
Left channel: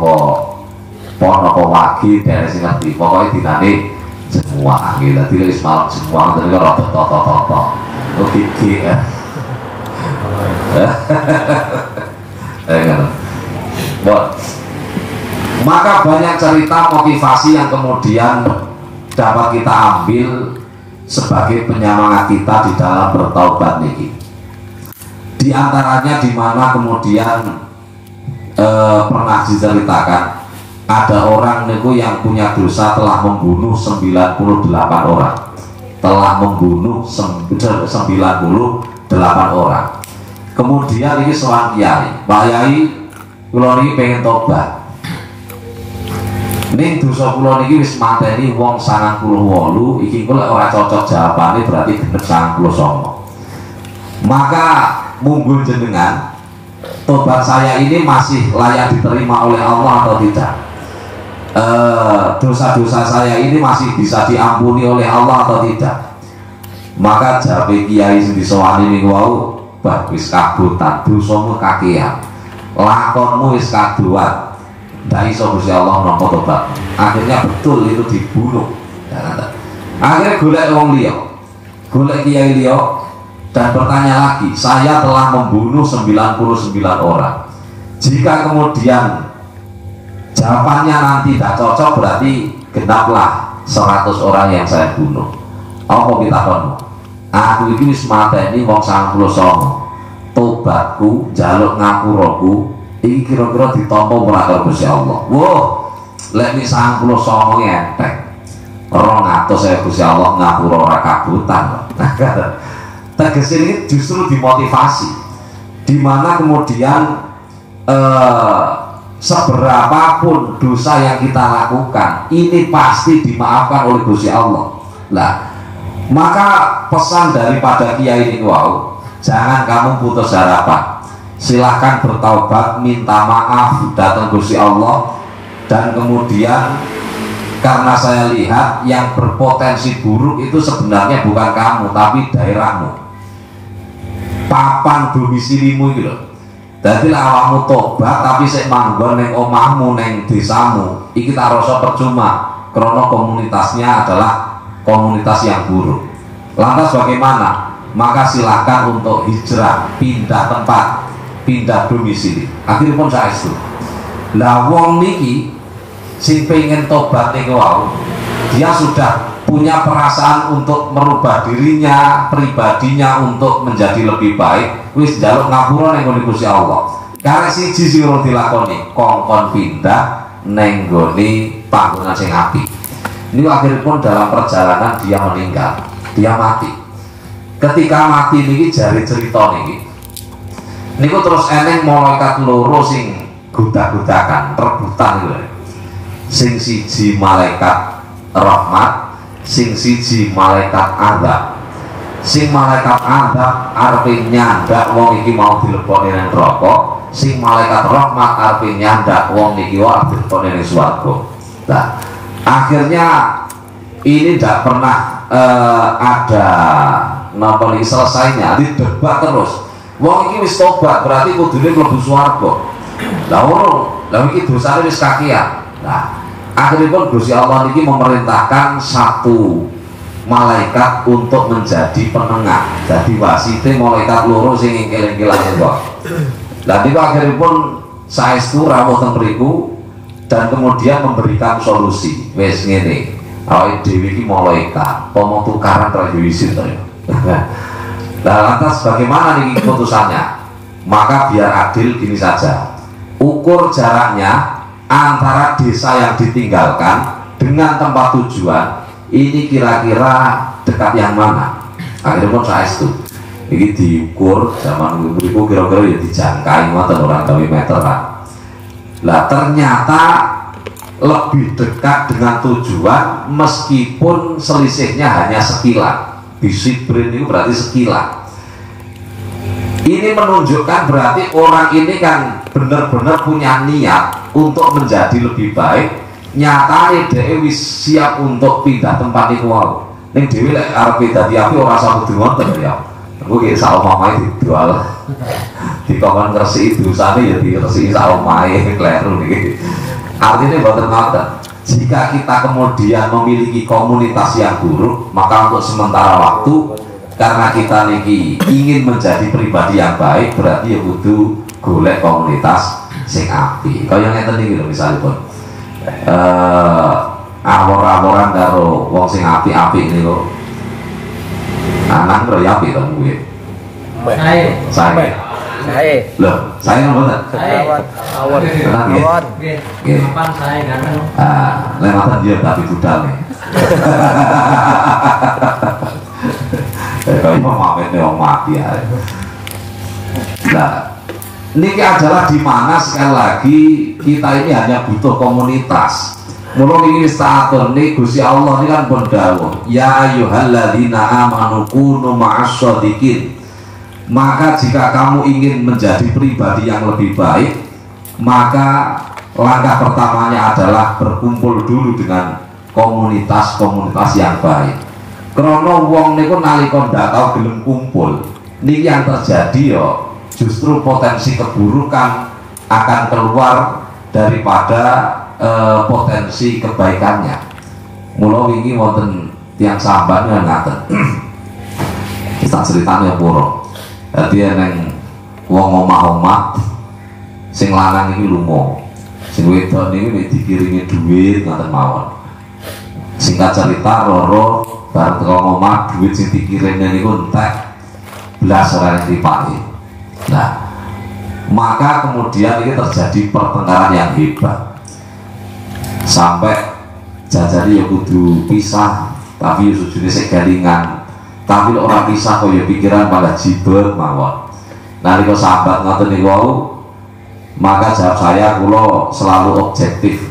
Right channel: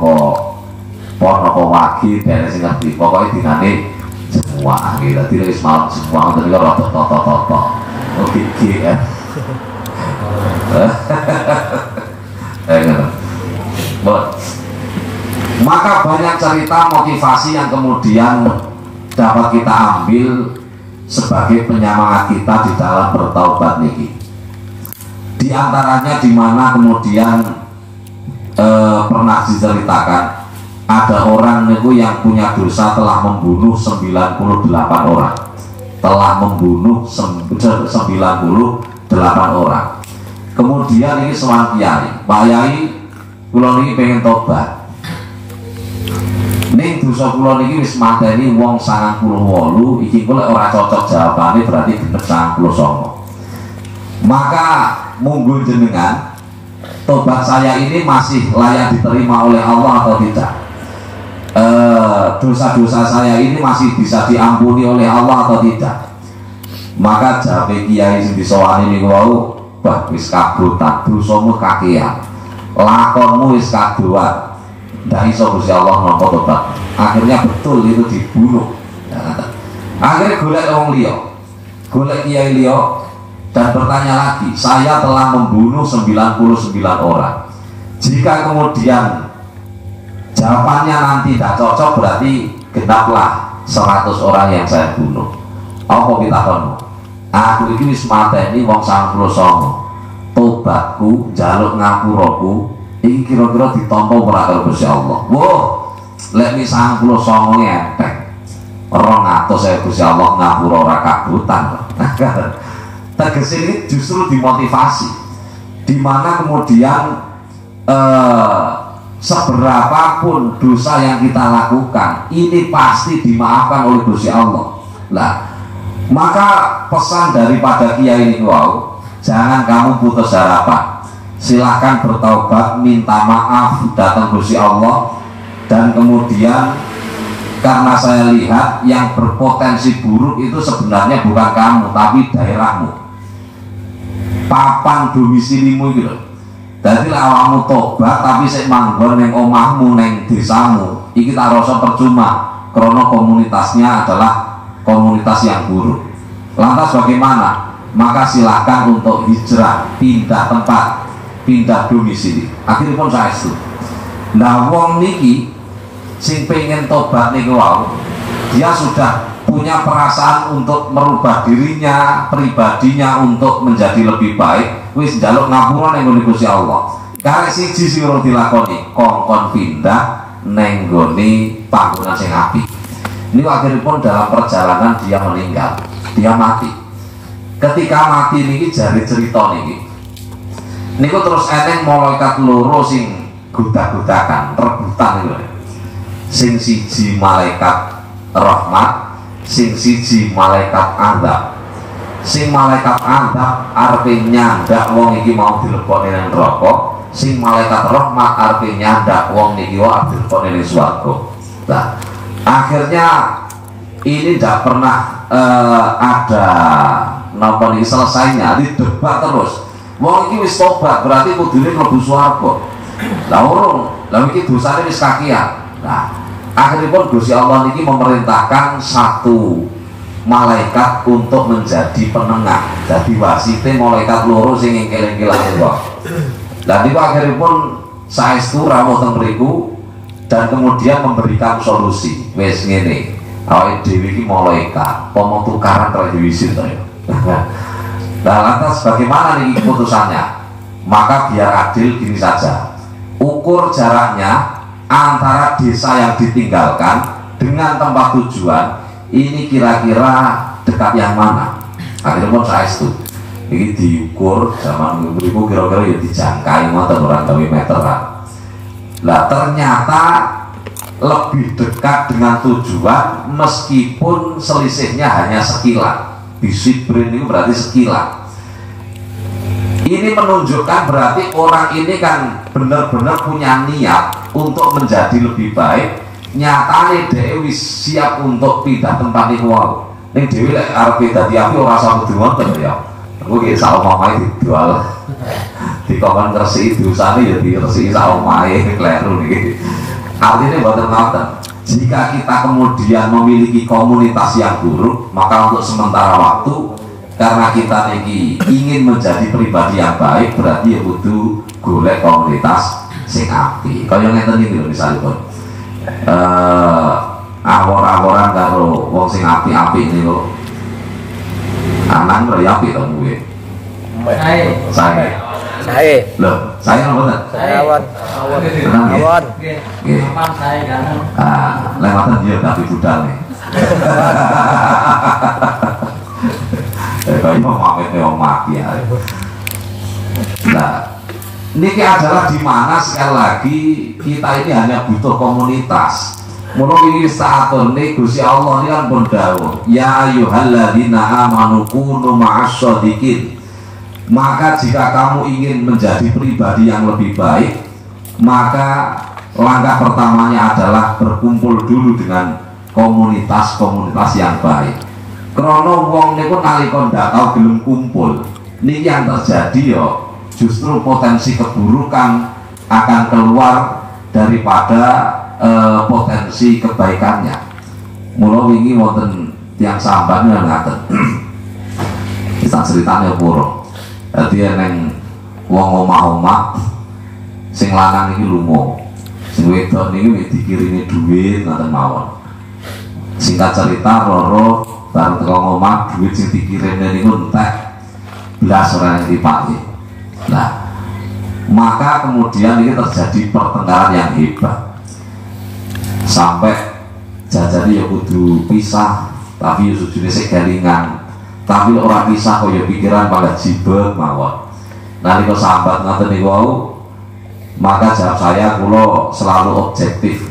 pon apa wagi dari sing ngerti. Pokoke dinane Jumat iki. Dadi wis malam Jumat terus ora toto-toto. Oke ya. Maka banyak cerita motivasi yang kemudian dapat kita ambil sebagai penyemangat kita di dalam bertaubat niki. Di antaranya di mana kemudian pernah diceritakan ada orang niku yang punya dosa telah membunuh 98 orang. Telah membunuh 98 orang. Kemudian ini seorang kiai, Pak Yai, kula niki pengen tobat. Ning dosa kula niki wis mateni wong 98, iki kula ora cocok jawabane berarti genep 99. Maka monggo jenengan tobat saya ini masih layak diterima oleh Allah atau tidak? Dosa-dosa saya ini masih bisa diampuni oleh Allah atau tidak? Maka jabe kiai sing disowani niku wau, bah wis kabutan, dosamu kakean, lakonmu wis kadoan, ndak iso Gusti Allah nampa tobat. Akhirnya betul itu dibunuh. Akhirnya golek wong liya, golek kiai liya dan bertanya lagi, saya telah membunuh 99 orang. Jika kemudian jawabannya nanti tidak cocok, berarti genaplah 100 orang yang saya bunuh. Apa kita kono? Aku iki wis mateni wong 99. Tobatku, njaluk ngapuraku iki kira-kira ditampa ora karo Gusti Allah. Wo, lek nek 99 entek. 200 Gusti Allah ngapura ora kabutan. Tegese ini justru dimotivasi. Di mana kemudian seberapapun dosa yang kita lakukan, ini pasti dimaafkan oleh Gusti Allah. Lah, maka pesan daripada kiai ini wow, jangan kamu putus harapan. Silahkan bertaubat, minta maaf, datang Gusti Allah. Dan kemudian karena saya lihat yang berpotensi buruk itu sebenarnya bukan kamu, tapi daerahmu, papan domisilimu gitu. Jadi awakmu tobat tapi sik manggon neng omahmu, neng desamu, iki tak rasa percuma karena komunitasnya adalah komunitas yang buruk. Lantas bagaimana? Maka silakan untuk hijrah, pindah tempat, pindah domisili. Akhirnya pun saya itu. Nah wong niki sing pengen tobat niki wau, dia sudah punya perasaan untuk merubah dirinya, pribadinya untuk menjadi lebih baik. Wis njaluk ngapura nang ngene Gusti Allah. Karek siji sing ora dilakoni, kongkon pindah nang nggone panggonan sing apik. Ini akhirnya pun dalam perjalanan dia meninggal, dia mati. Ketika mati niki jari cerita niki, niku terus eneng malaikat loro sing gudak-gudakan, rebutan gitu. Sing siji malaikat rahmat, sing siji malaikat azab. Sing malaikat azab arepe nyandak wong iki mau dilebokne nang neraka, sing malaikat rahmat arepe nyandak wong iki wae dilebokne nang swarga. Nah, akhirnya ini tidak pernah ada napa niki selesainya, didebat terus. Wong iki wis tobat berarti kudune mlebu swarga. Lah ora, lah iki dosane wis kakean. Nah, akhirnya pun Gusti Allah niki memerintahkan satu malaikat untuk menjadi penengah, jadi wasite malaikat loro sing engkel-engkelan wae. Lah niku akhirnya pun saestu rawuh teng mriku dan kemudian memberikan solusi. Wis ngene, awake dhewe iki malaikat, pomo tukaran ra diwisin to ya. Nah, lantas bagaimana nih keputusannya? Maka biar adil gini saja, ukur jaraknya antara desa yang ditinggalkan dengan tempat tujuan, ini kira-kira dekat yang mana? Akhirnya pun saya itu ini diukur zaman dulu kira-kira ya dijangkai ngoten orang 2 meter kan. Lah ternyata lebih dekat dengan tujuan meskipun selisihnya hanya sekilan. Bisibrin itu berarti sekilan. Ini menunjukkan berarti orang ini kan benar-benar punya niat untuk menjadi lebih baik. Nyatane dhewe wis siap untuk pindah tempat itu wae. Ning dhewe lek arep pindah di api ora usah kudu ngoten ya. Aku ki sak omahe dijual. Dikon ngresiki dosane ya diresiki sak omahe kleru niki. Artinya boten ngoten. Jika kita kemudian memiliki komunitas yang buruk, maka untuk sementara waktu karena kita niki ingin menjadi pribadi yang baik, berarti ya kudu golek komunitas sing apik. Kaya ngeten iki lho misalipun. Awor-aworan karo wong sing apik-apik iki lho. Anak karo ya apik to kuwi. Saya. Loh, saya nopo ta? Awon. Awon. Nggih. Saya ganteng. Ah, lewatan dia tapi budal nih. Kalau mau maafin orang mati ya. Nah, ini adalah di mana sekali lagi kita ini hanya butuh komunitas. Mulai ini saat ini Gusti Allah ini kan berdawuh, ya ayyuhalladzina amanu kunu ma'asyadiqin. Maka jika kamu ingin menjadi pribadi yang lebih baik, maka langkah pertamanya adalah berkumpul dulu dengan komunitas-komunitas yang baik. Krono wong niku nalika ndak tau gelem kumpul, niki yang terjadi yo justru potensi keburukan akan keluar daripada potensi kebaikannya. Mula wingi wonten tiyang samban ngaten. Kita ceritane puro. Dadi neng wong omah-omah sing lanang iki lumo. Sing wedok niki dikirimi dhuwit ngaten mawon. Singkat cerita Roro bareng teko omah duit sing dikirimi niku entek blas ora dipake. Nah, maka kemudian ini terjadi pertengkaran yang hebat. Sampai jajari ya kudu pisah, tapi ya sujune segalingan. Tapi orang pisah kok ya pikiran malah jibet mawon. Nalika sahabat ngoten niku wau, maka jawab saya kula selalu objektif.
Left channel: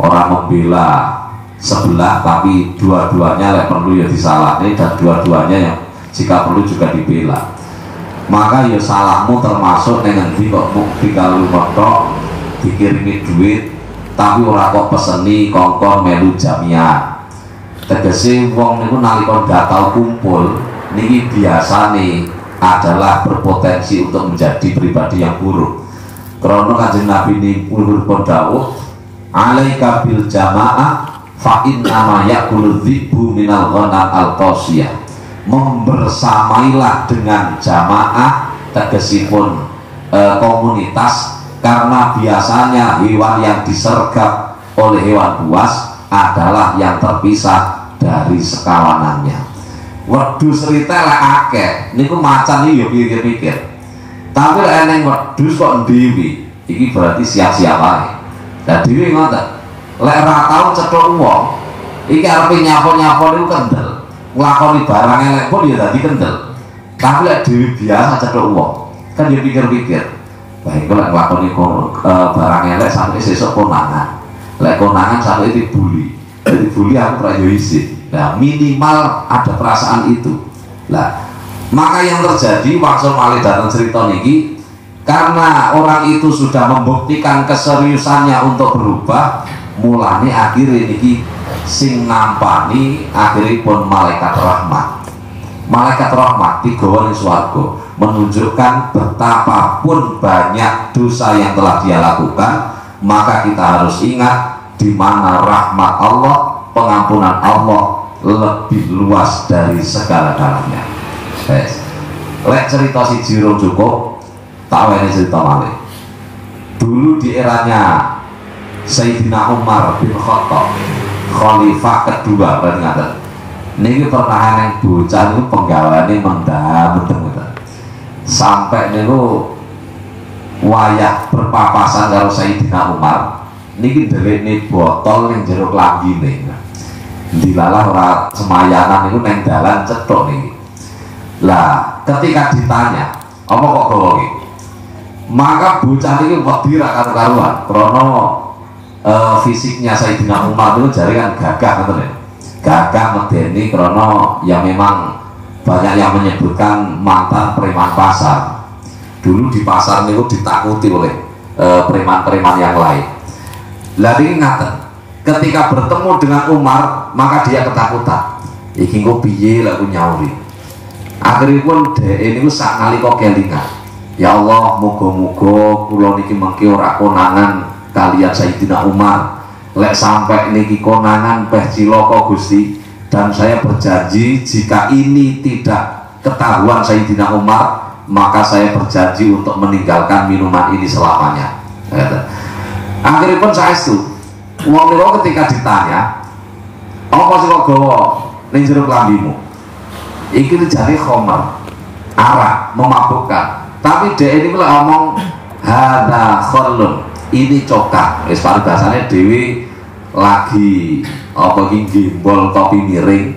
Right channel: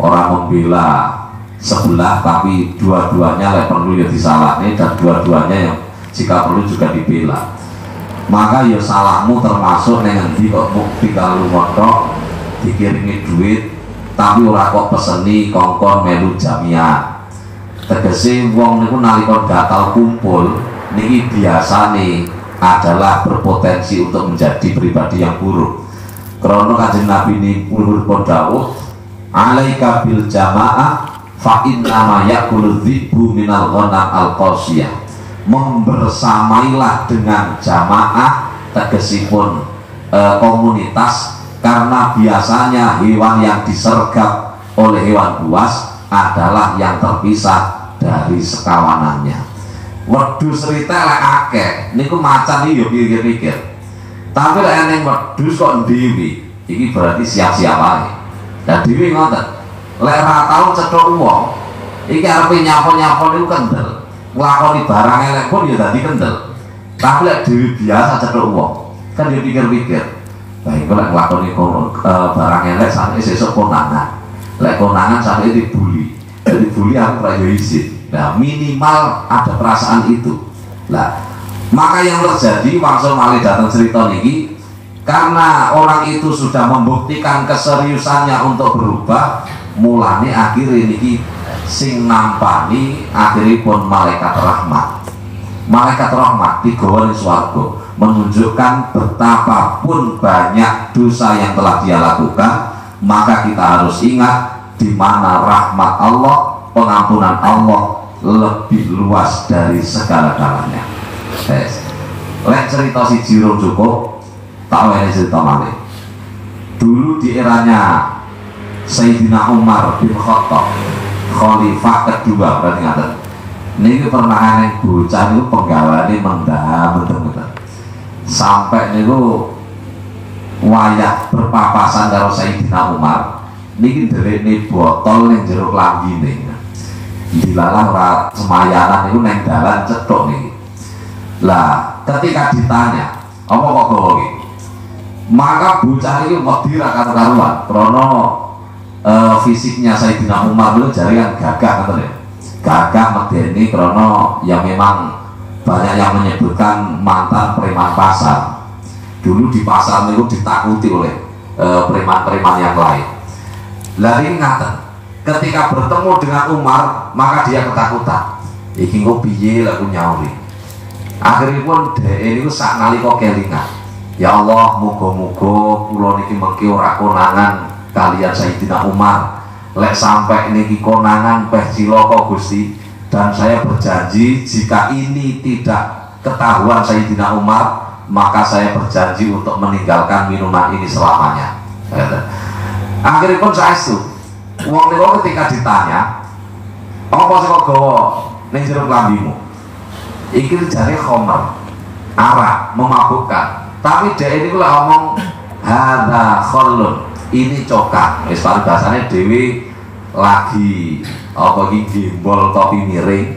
Orang membela sebelah tapi dua-duanya lek perlu ya disalahne dan dua-duanya yang jika perlu juga dibela. Maka ya salahmu termasuk neng endi kok mung dikalu kontok dikirimi duit tapi ora kok peseni kongkon melu jamiah. Tegese wong niku nalika ndak tau kumpul niki biasane adalah berpotensi untuk menjadi pribadi yang buruk. Karena Kanjeng Nabi niku dawuh, "Alaika bil jamaah fa inna ma yaqulu dzibbu minal ghanam al-qasiyah." Membersamailah dengan jamaah tegesipun komunitas, karena biasanya hewan yang disergap oleh hewan buas adalah yang terpisah dari sekawanannya. Wedhus rite lek akeh niku macan iki yo pikir-pikir. Tapi lek ning wedhus kok dhewe iki berarti siap-siap wae. Lah dhewe ngoten. Lek ora tau cethuk wong, iki arepe nyapa-nyapa niku kendel. Nglakoni barang elek pun ya dadi kendel. Tapi lek dhewe biasa cethuk wong, kan dia pikir-pikir. Baik lek nglakoni barang elek sampe sesuk konangan. Lek konangan sampai dibully, dibully aku ora yo isin. Nah minimal ada perasaan itu. Nah maka yang terjadi langsung malih datang cerita niki, karena orang itu sudah membuktikan keseriusannya untuk berubah, mulane akhirnya niki sing nampani akhiripun malaikat rahmat. Malaikat rahmat digawa ning swarga menunjukkan betapapun banyak dosa yang telah dia lakukan, maka kita harus ingat di mana rahmat Allah, pengampunan Allah lebih luas dari segala-galanya. Lek cerita si Jiro cukup, tahu ini cerita malih. Dulu di eranya Sayyidina Umar bin Khattab, Khalifah kedua, berarti ngaten. Niki pernah yang bocah itu penggawane mendem-mendem. Sampai niku wayah berpapasan karo Sayyidina Umar, niki nderekne botol ning jero klambine. Dilalah ora semayanan niku neng dalan cethuk niki. Lah, ketika ditanya, apa kok gawa iki? Maka bocah niki wedi ra karo-karuan, krana fisiknya Sayyidina Umar itu jaringan gagah ngoten ya. Gagah medeni krana ya memang banyak yang menyebutkan mantan preman pasar. Dulu di pasar niku ditakuti oleh preman-preman yang lain. Lah ini ngaten, ketika bertemu dengan Umar maka dia ketakutan. Iki kok piye lek aku nyauri. Akhirnya pun dhek niku sak nalika kelingan. Ya Allah, muga-muga kula niki mengki ora konangan kalian Sayyidina Umar. Lek sampai niki konangan peh cilaka Gusti, dan saya berjanji jika ini tidak ketahuan Sayyidina Umar, maka saya berjanji untuk meninggalkan minuman ini selamanya. Akhirnya pun saya itu wong niku ketika ditanya, apa sih kok gawa ning jero klambimu? Iki jare khamar, arak, memabukkan. Tapi dia ini kalau ngomong hada khallun, ini cokak. Wis bahasane dhewe lagi apa iki gimbol kopi miring.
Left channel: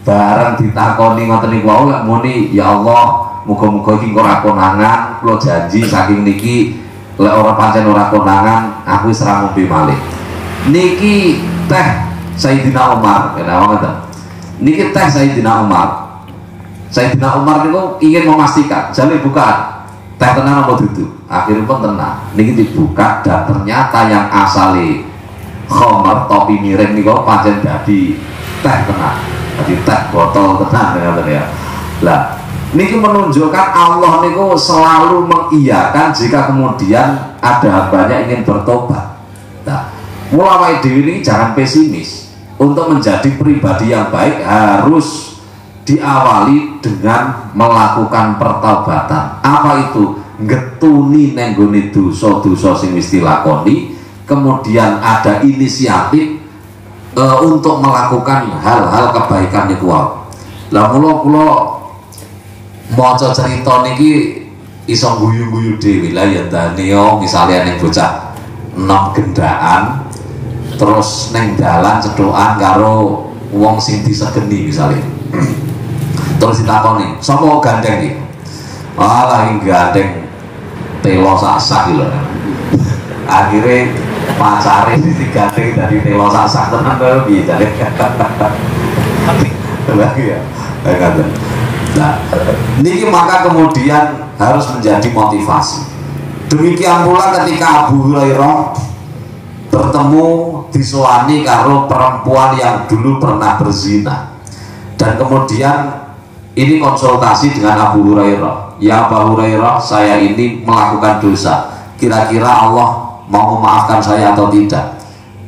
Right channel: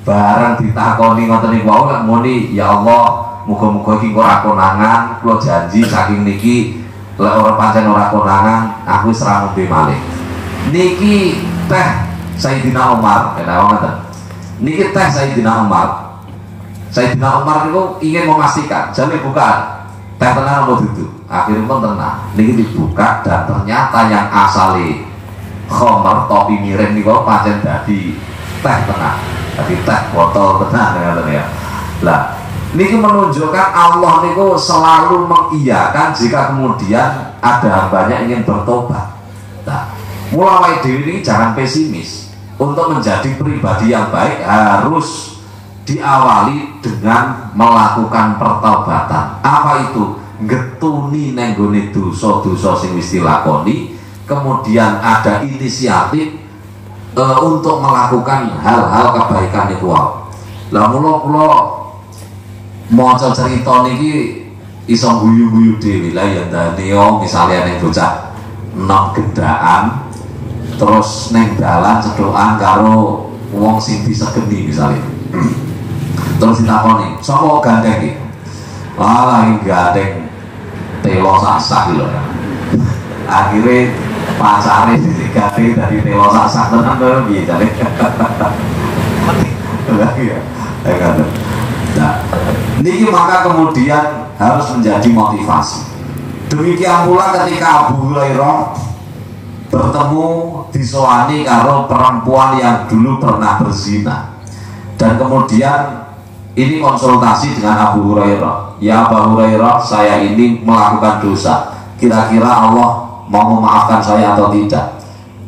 Barang ditakoni ngoten niku wae lek muni ya Allah, muga-muga iki kok ora konangan, kula janji saking niki lek ora pancen ora konangan, aku wis ora ngombe malih. Niki teh Sayyidina Umar, ngoten. Niki teh Sayyidina Umar. Sayyidina Umar itu ingin memastikan, jadi bukan teh tenang atau duduk. Akhirnya pun tenang. Niki dibuka dan ternyata yang asali khamar topi miring niku pancen dadi teh tenang. Dadi teh botol tenang ya. Lah, niki menunjukkan Allah niku selalu mengiyakan jika kemudian ada hambanya ingin bertobat. Nah, mulai dhewe ini jangan pesimis. Untuk menjadi pribadi yang baik harus diawali dengan melakukan pertobatan. Apa itu? Getuni nenggone dosa-dosa sing wis dilakoni, kemudian ada inisiatif untuk melakukan hal-hal kebaikan niku wae. Lah kula maca cerita niki iso guyu-guyu dhewe. Lah ya ndane yo misale ning bocah enom gendaan terus neng dalan cedokan karo wong sing disegeni misalnya. Terus ditakoni, sapa gandeng iki? Alah iki gandeng telo sak-sak lho. Akhire pacare digandeng dadi telo sak-sak tenan kaya piye jare. Lagi ya. Nah, niki maka kemudian harus menjadi motivasi. Demikian pula ketika Abu Hurairah bertemu disowani karo perempuan yang dulu pernah berzina, dan kemudian ini konsultasi dengan Abu Hurairah. Ya Abu Hurairah, saya ini melakukan dosa, kira-kira Allah mau memaafkan saya atau tidak?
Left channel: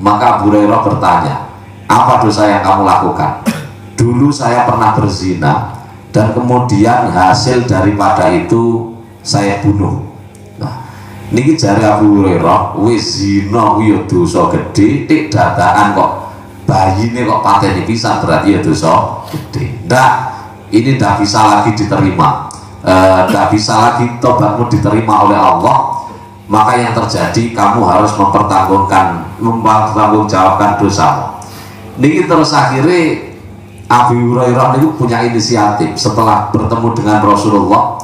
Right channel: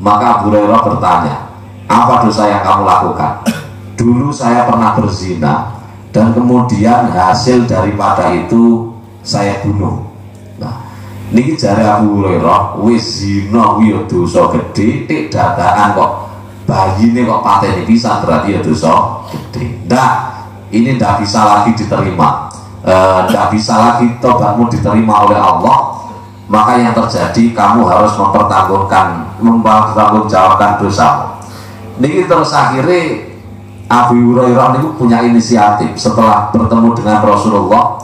Maka Abu Hurairah bertanya, apa dosa yang kamu lakukan? Dulu saya pernah berzina dan kemudian hasil daripada itu saya bunuh. Nah, niki jare Abu Hurairah, wis zina kuwi ya dosa gedhe, tik dadakan kok bayine kok pateni pisan, berarti ya dosa gedhe. Ndak, ini ndak bisa lagi diterima. Ndak bisa lagi tobatmu diterima oleh Allah. Maka yang terjadi, kamu harus mempertanggungjawabkan dosa. Niki terus akhirnya Abu Hurairah ini punya inisiatif. Setelah bertemu dengan Rasulullah,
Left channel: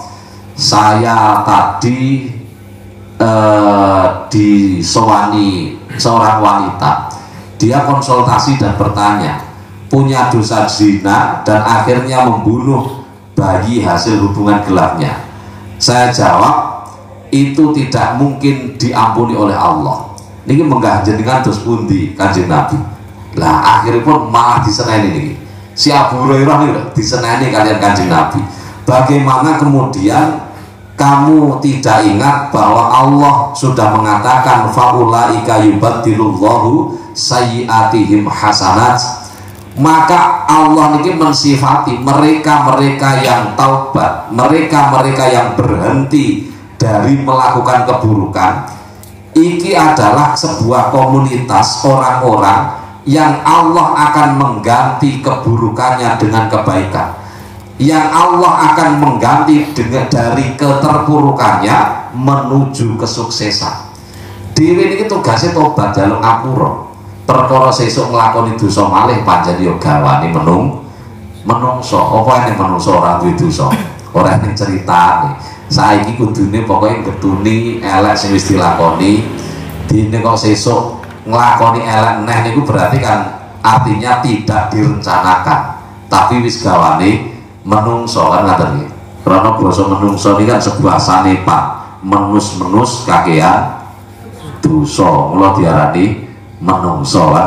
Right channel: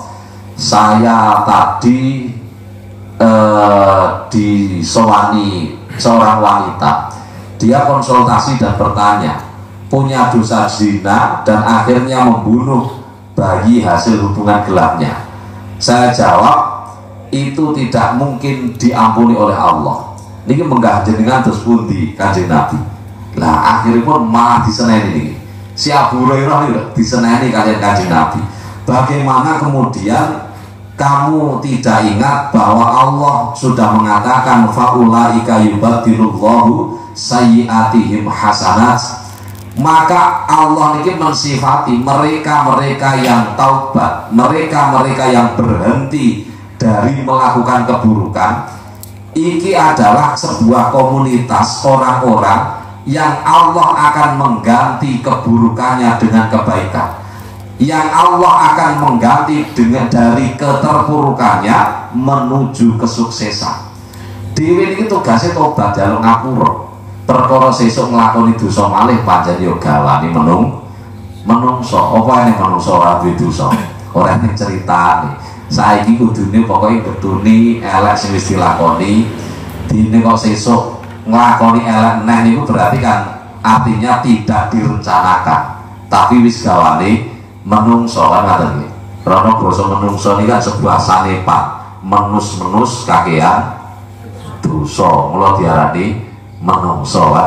saya tadi disowani seorang wanita. Dia konsultasi dan bertanya, punya dosa zina dan akhirnya membunuh bayi hasil hubungan gelapnya. Saya jawab, itu tidak mungkin diampuni oleh Allah. Ini menggah jenengan terus pundi Kanjeng Nabi. Lah akhirnya pun malah diseneni ini. Si Abu Hurairah ini diseneni kalian Kanjeng Nabi. Bagaimana kemudian kamu tidak ingat bahwa Allah sudah mengatakan faulaika yubaddilullahu sayyiatihim hasanat? Maka Allah ini mensifati mereka-mereka yang taubat, mereka-mereka yang berhenti dari melakukan keburukan. Iki adalah sebuah komunitas orang-orang yang Allah akan mengganti keburukannya dengan kebaikan, yang Allah akan mengganti dengan dari keterpurukannya menuju kesuksesan. Dewi ini tugasnya tobat jalur ngapura. Perkara sesuk nglakoni dosa malih pancen yo gawani menungso. Apa nek menungso ora duwe dosa? Ora ning ceritane. Saiki kudune pokoke getuni elek sing wis dilakoni. Dene kok sesuk nglakoni elek neh niku berarti kan artinya tidak direncanakan, tapi wis gawane menungso kan ngaten iki. Karena basa menungso ini kan sebuah sanepan, menus-menus kakean dosa, mula diarani menungso lah.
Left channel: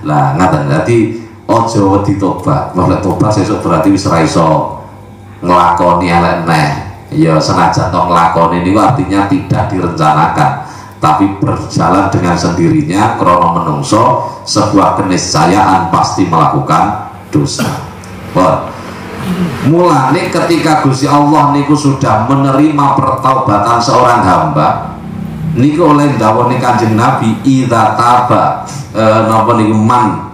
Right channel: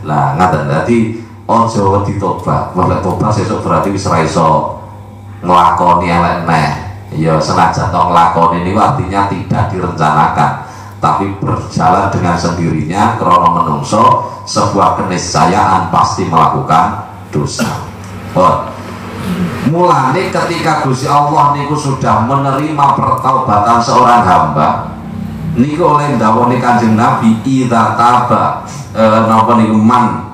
Lah ngaten dadi aja wedi tobat. Nek tobat sesuk berarti wis ora iso nglakoni elek neh. Ya senajan to nglakoni niku artinya tidak direncanakan, tapi berjalan dengan sendirinya karena menungso sebuah keniscayaan pasti melakukan dosa. Mulane ketika Gusti Allah niku sudah menerima pertaubatan seorang hamba, niku oleh dawuhne Kanjeng Nabi, idza taba napa niku man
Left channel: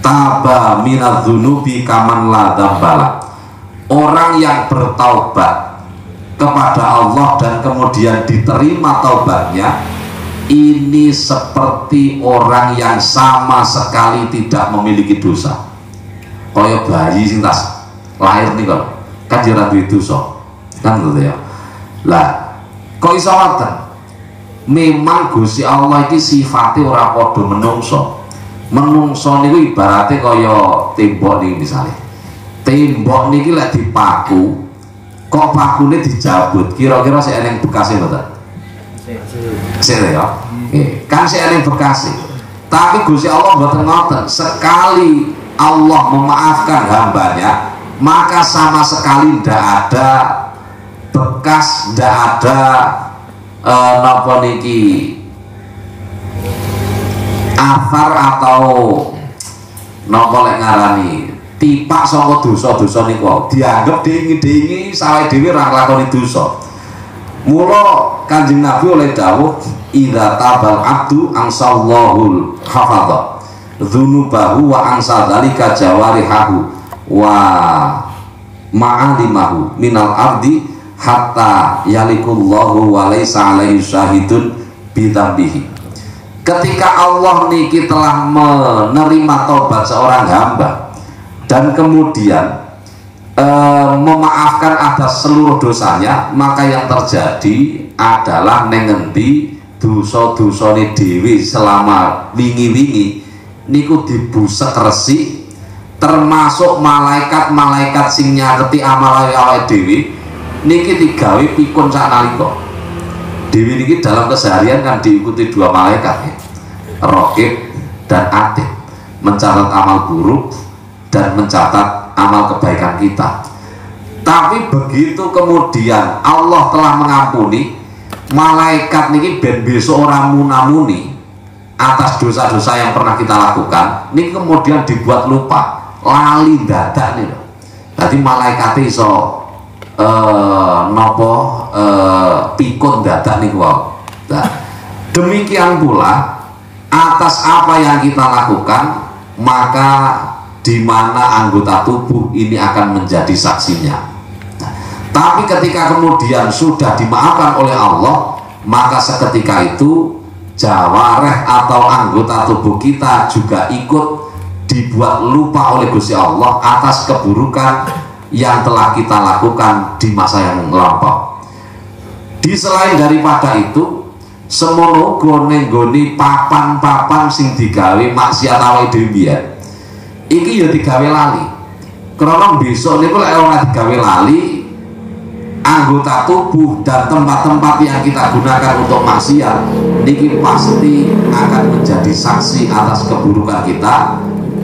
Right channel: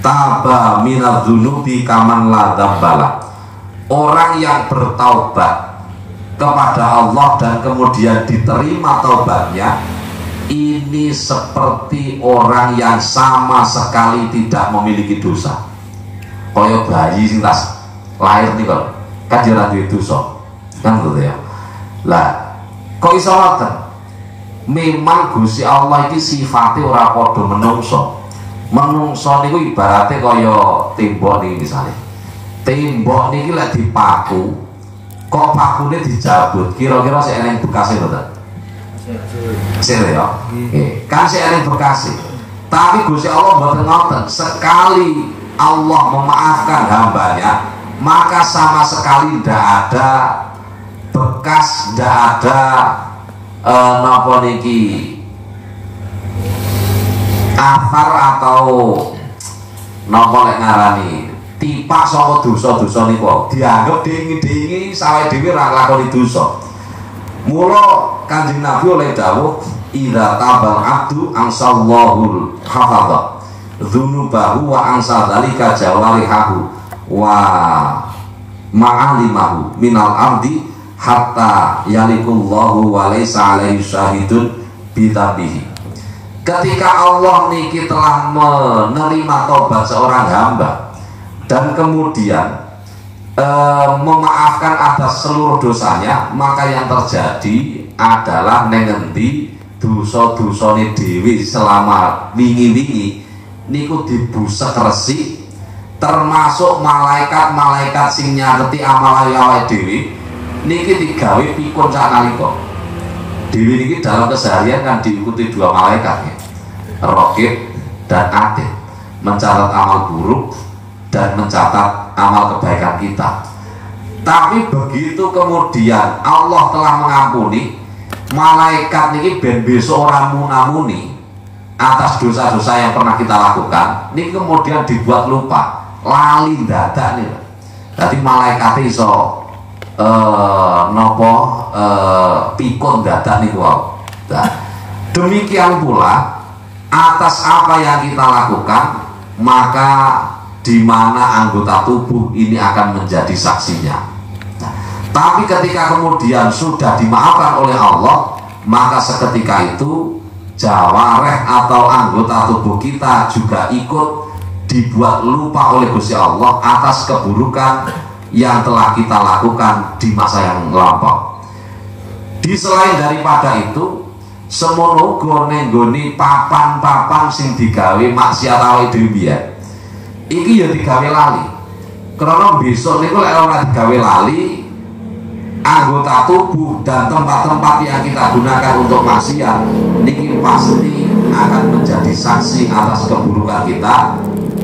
taba minadz-dzunubi kaman la dzambala. Orang yang bertaubat kepada Allah dan kemudian diterima taubatnya, ini seperti orang yang sama sekali tidak memiliki dosa. Kaya bayi sing tas lahir nih kok kan ora duwe dosa kan gitu ya. Lah kok iso ngoten? Memang Gusti Allah iki sifate ora padha menungso. Menungso niku ibarate kaya tembok niki misale. Tembok niki lek dipaku kok pakune dijabut, kira-kira sik eneng bekase mboten? Sik ya. Nggih, kan sik eneng bekase. Tapi Gusti Allah mboten ngoten. Sekali Allah memaafkan hambanya, maka sama sekali tidak ada bekas, tidak ada napa niki athar atau napa lek ngarani tipak saka dosa-dosa niku. Dianggap dingi-dingi sawe dhewe ora nglakoni dosa. Mula Kanjeng Nabi oleh dawuh, idza tabal abdu ansallahul hafadha dzunubahu wa ansa dzalika jawarihahu wa ma'alimahu minal ardi hatta yalikullahu wa laisa alaihi syahidun bidzambihi. Ketika Allah niki telah menerima taubat seorang hamba dan kemudian memaafkan atas seluruh dosanya, maka yang terjadi adalah nengendi dosa-dosane dhewe selama wingi-wingi niku dibusek resik, termasuk malaikat-malaikat sing nyaketi amal awake dhewe niki digawe pikun sakalika. Dewi niki dalam keseharian kan diikuti dua malaikat ya, Raqib dan Atid, mencatat amal buruk dan mencatat amal kebaikan kita. Tapi begitu kemudian Allah telah mengampuni, malaikat niki ben besok orang munamuni atas dosa-dosa yang pernah kita lakukan, ini kemudian dibuat lupa, lali dadak nih. Jadi malaikat iso nopo pikun dadak nih wow. Nah, demikian pula atas apa yang kita lakukan, maka di mana anggota tubuh ini akan menjadi saksinya. Nah, tapi ketika kemudian sudah dimaafkan oleh Allah, maka seketika itu jawareh atau anggota tubuh kita juga ikut dibuat lupa oleh Gusti Allah atas keburukan yang telah kita lakukan di masa yang lampau. Di selain daripada itu, semono gone-gone papan-papan sing digawe maksiat awake dhewe iki ya digawe lali. Karena besok niku lek ora digawe lali, anggota tubuh dan tempat-tempat yang kita gunakan untuk maksiat niki pasti akan menjadi saksi atas keburukan kita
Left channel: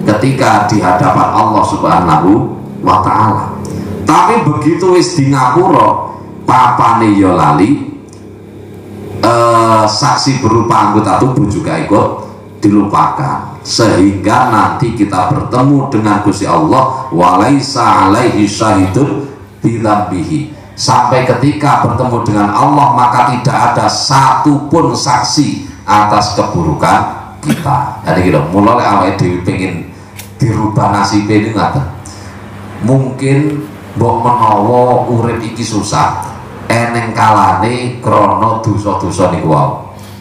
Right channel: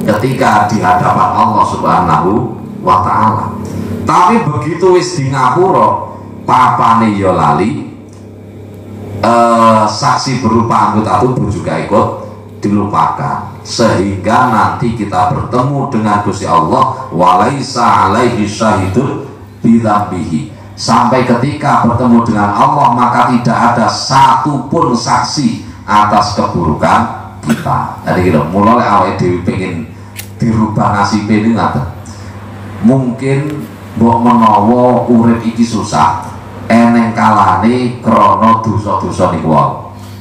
ketika di hadapan Allah Subhanahu wa ta'ala. Tapi begitu wis di ngapura papane ya lali, saksi berupa anggota tubuh juga ikut dilupakan, sehingga nanti kita bertemu dengan Gusti Allah walaisa alaihi syahidun bidzambihi. Sampai ketika bertemu dengan Allah, maka tidak ada satupun saksi atas keburukan kita. Jadi gitu, mulai awake dhewe pengen dirubah nasib ini ngaten. Mungkin mbok menawa urip iki susah, eneng kalane krana dosa-dosa niku wae.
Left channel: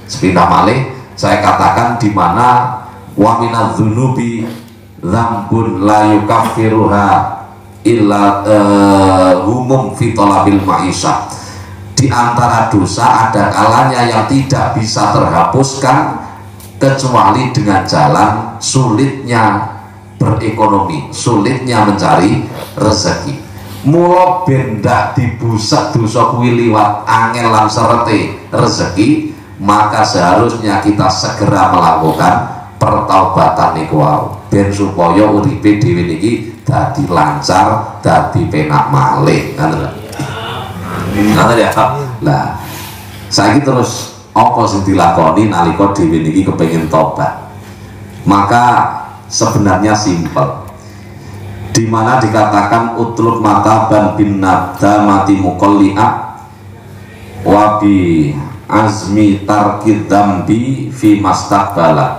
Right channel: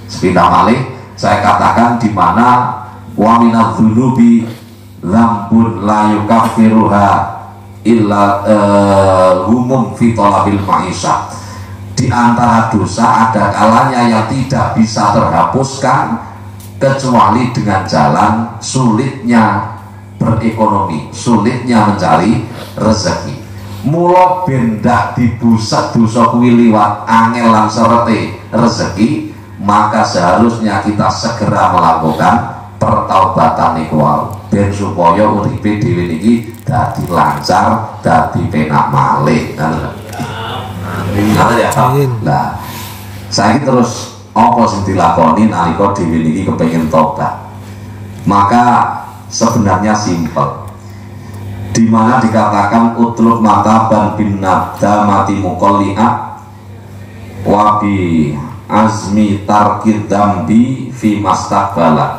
Sepindah malih saya katakan di mana wa minadz-dzunubi dzambun la yukaffiruha illa humum fi talabil ma'isyah. Di antara dosa ada kalanya yang tidak bisa terhapuskan kecuali dengan jalan sulitnya berekonomi, sulitnya mencari rezeki. Mula bendak dibuset dosa kuwi liwat angel lan serete rezeki, maka seharusnya kita segera melakukan pertaubatan niku wau ben supaya uripe dhewe niki dadi lancar, dadi penak malih kan. Nah, ya. Lah, saiki terus apa sing dilakoni nalika dhewe niki kepengin tobat? Maka sebenarnya simpel. Di mana dikatakan utlub mataban bin nadamati muqalli'a wa bi azmi tarkid dzambi fi mastaqbala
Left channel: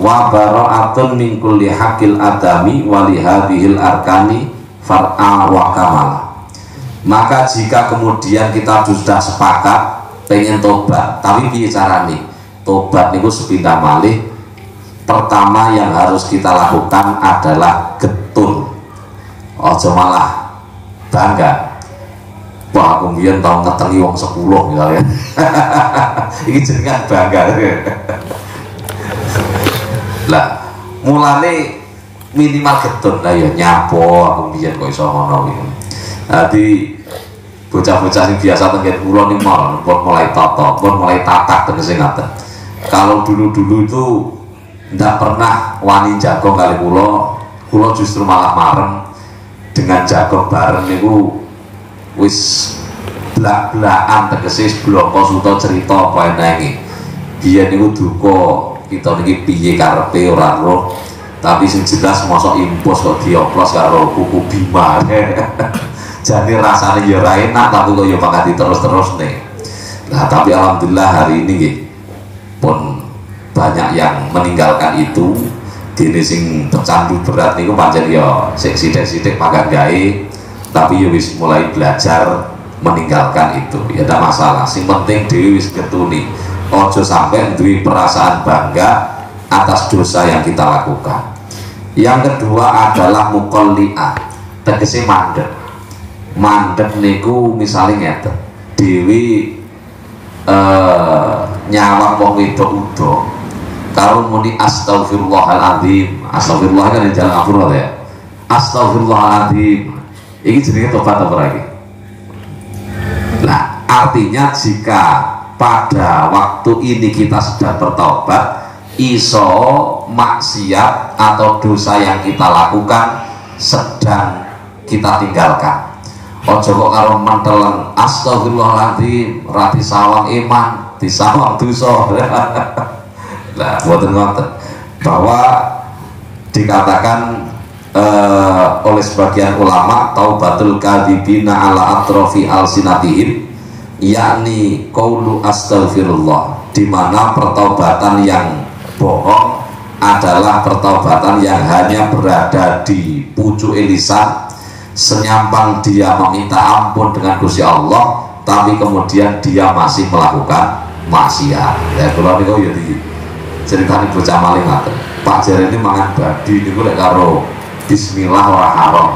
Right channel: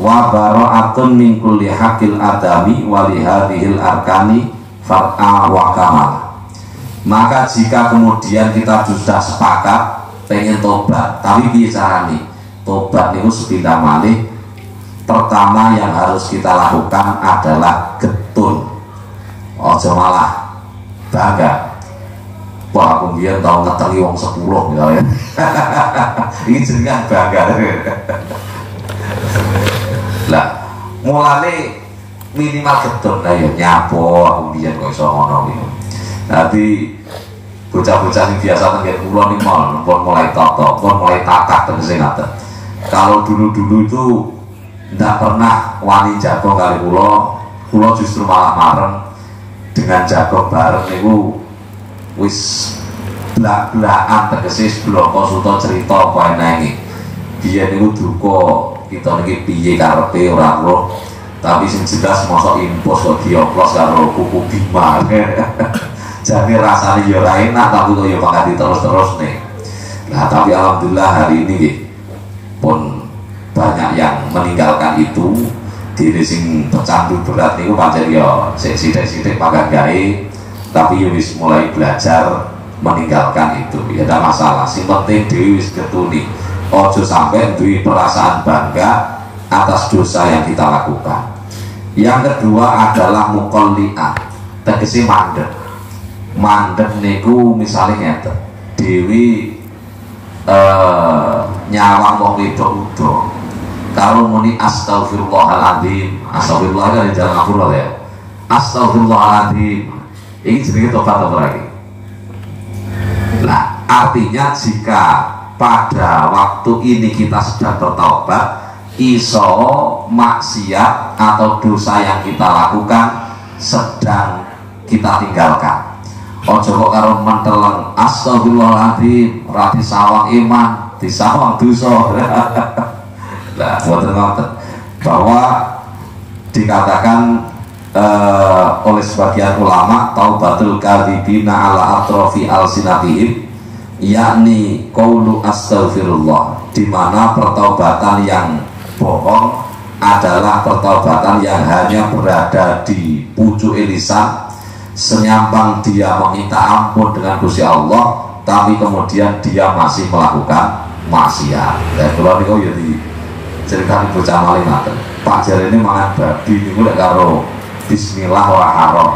wa bara'atun min kulli haqqil adami wa li hadhil arkani far'a wa kamala. Maka jika kemudian kita sudah sepakat pengen tobat, tapi piye carane? Tobat niku sepindah malih, pertama yang harus kita lakukan adalah getun. Ojo malah bangga. Wah, aku biyen tau ngetengi wong 10 gitu ya. Ini jenengan bangga. Lah, mulane minimal getun lah ya nyapo aku biyen kok iso ngono gitu. Dadi bocah-bocah sing biasa tenggen kula ning mall, pun mulai toto, pun mulai takak tegese ngaten. Kalau dulu-dulu itu ndak pernah wani jago kali kula justru malah marem dengan jago bareng niku wis blak-blakan tegese bloko suta cerita apa enenge. Biyen niku duka kita niki piye karepe ora roh, tapi sing jelas mosok impos kok dioplos karo kuku Bima. Jadi rasanya ya ora enak, tapi kok ya bakal terus-terus nih. Nah, tapi alhamdulillah hari ini nggih pun banyak yang meninggalkan itu. Dene sing pecandu berat niku pancen ya sik sithik-sithik pakai gawe, tapi ya wis mulai belajar meninggalkan itu. Ya tidak masalah, sing penting dhewe wis getuni. Ojo sampai duwe perasaan bangga atas dosa yang kita lakukan. Yang kedua adalah muqalli'ah, tegese mandek. Mandek niku misalnya ngeten, dhewe nyawang wong wedok udo kalau muni astagfirullahaladzim, astagfirullah kan jalan ngapura ya, astagfirullahaladzim, ini jenenge tobat apa lagi? Nah, artinya jika pada waktu ini kita sudah bertaubat, iso maksiat atau dosa yang kita lakukan sedang kita tinggalkan. Ojo kok karo menteleng astagfirullahaladzim, rati sawang iman, disawang dosa. Nah, ngoten-ngoten bahwa dikatakan oleh sebagian ulama taubatul kadzibina ala atrofi alsinatihim, yakni qaulu astaghfirullah, di mana pertaubatan yang bohong adalah pertaubatan yang hanya berada di pucuk lisan, senyampang dia meminta ampun dengan Gusti Allah, tapi kemudian dia masih melakukan maksiat. Ya kula niku ya ceritanya bocah maling ngaten. Pak jare ini mangan babi niku lek karo bismillah ora haram.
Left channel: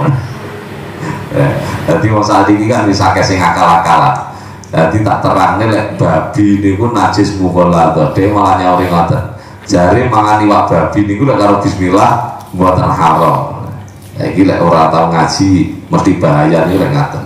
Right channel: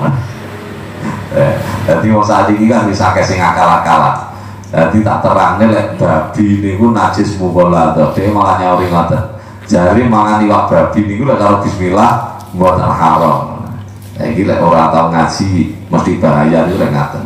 Jadi wong saat ini kan bisa sing akal-akalan. Jadi tak terangne lek babi niku najis mukalla to, dhewe malah nyauri ngaten. Jare mangan iwak babi niku lek karo bismillah mboten haram. Iki lek ora tau ngaji mesti bahaya niku lek ngaten.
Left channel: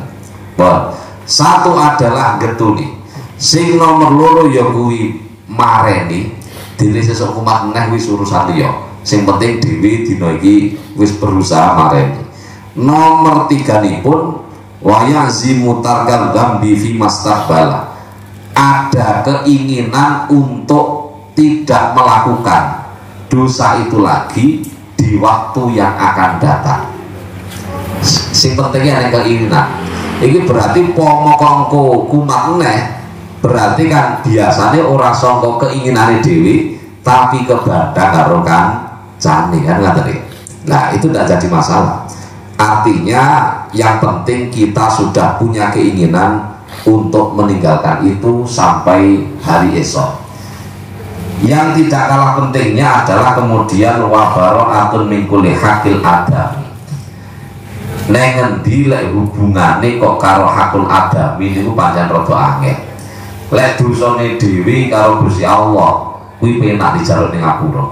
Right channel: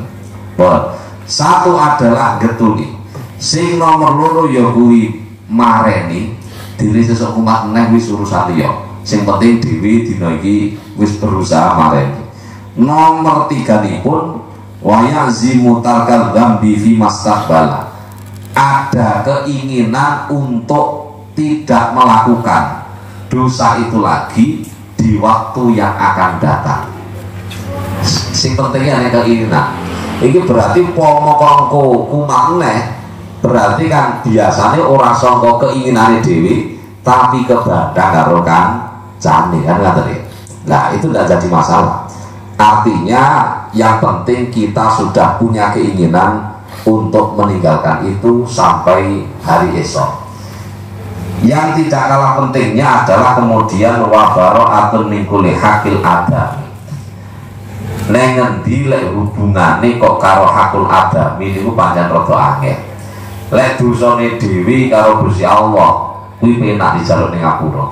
Satu adalah getuni. Sing nomor loro ya kuwi mareni. Diri sesuk kumat neh wis urusan liya. Sing penting dhewe dina iki wis berusaha mareni. Nomor 3 nipun wa yazimu tarkal dzambi fi mastaqbala. Ada keinginan untuk tidak melakukan dosa itu lagi di waktu yang akan datang. Sing pentingnya nek keinginan. Iki berarti pomokongko kumat neh. Berarti kan biasanya orang sangka keinginane dhewe tapi kebadang karo kan jane kan ngaten. Nah, itu tidak jadi masalah. Artinya yang penting kita sudah punya keinginan untuk meninggalkan itu sampai hari esok. Yang tidak kalah pentingnya adalah kemudian wa bara'atun min kulli haqqil adam. Nek ngendi lek hubungane kok karo hakul adam niku pancen rada angel. Lek dosane dhewe karo Gusti Allah kuwi penak dijaluk ning ngapura.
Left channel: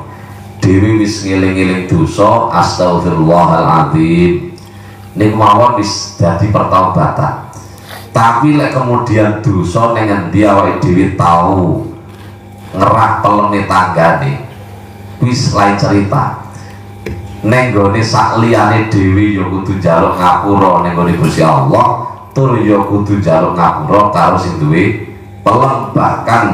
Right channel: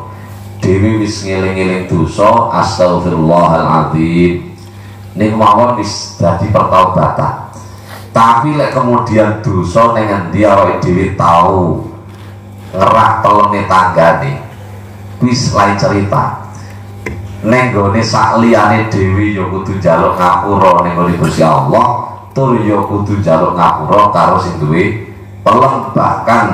dewi wis ngiling-ngiling dosa astagfirullahaladzim ning mawon wis dadi pertaubatan. Tapi lek kemudian dosa ning endi awake dhewe tau ngerak telone tanggane wis lain cerita. Ning gone sak liyane dhewe ya kudu njaluk ngapura ning gone Gusti Allah, tur ya kudu njaluk ngapura karo sing duwe pelem. Bahkan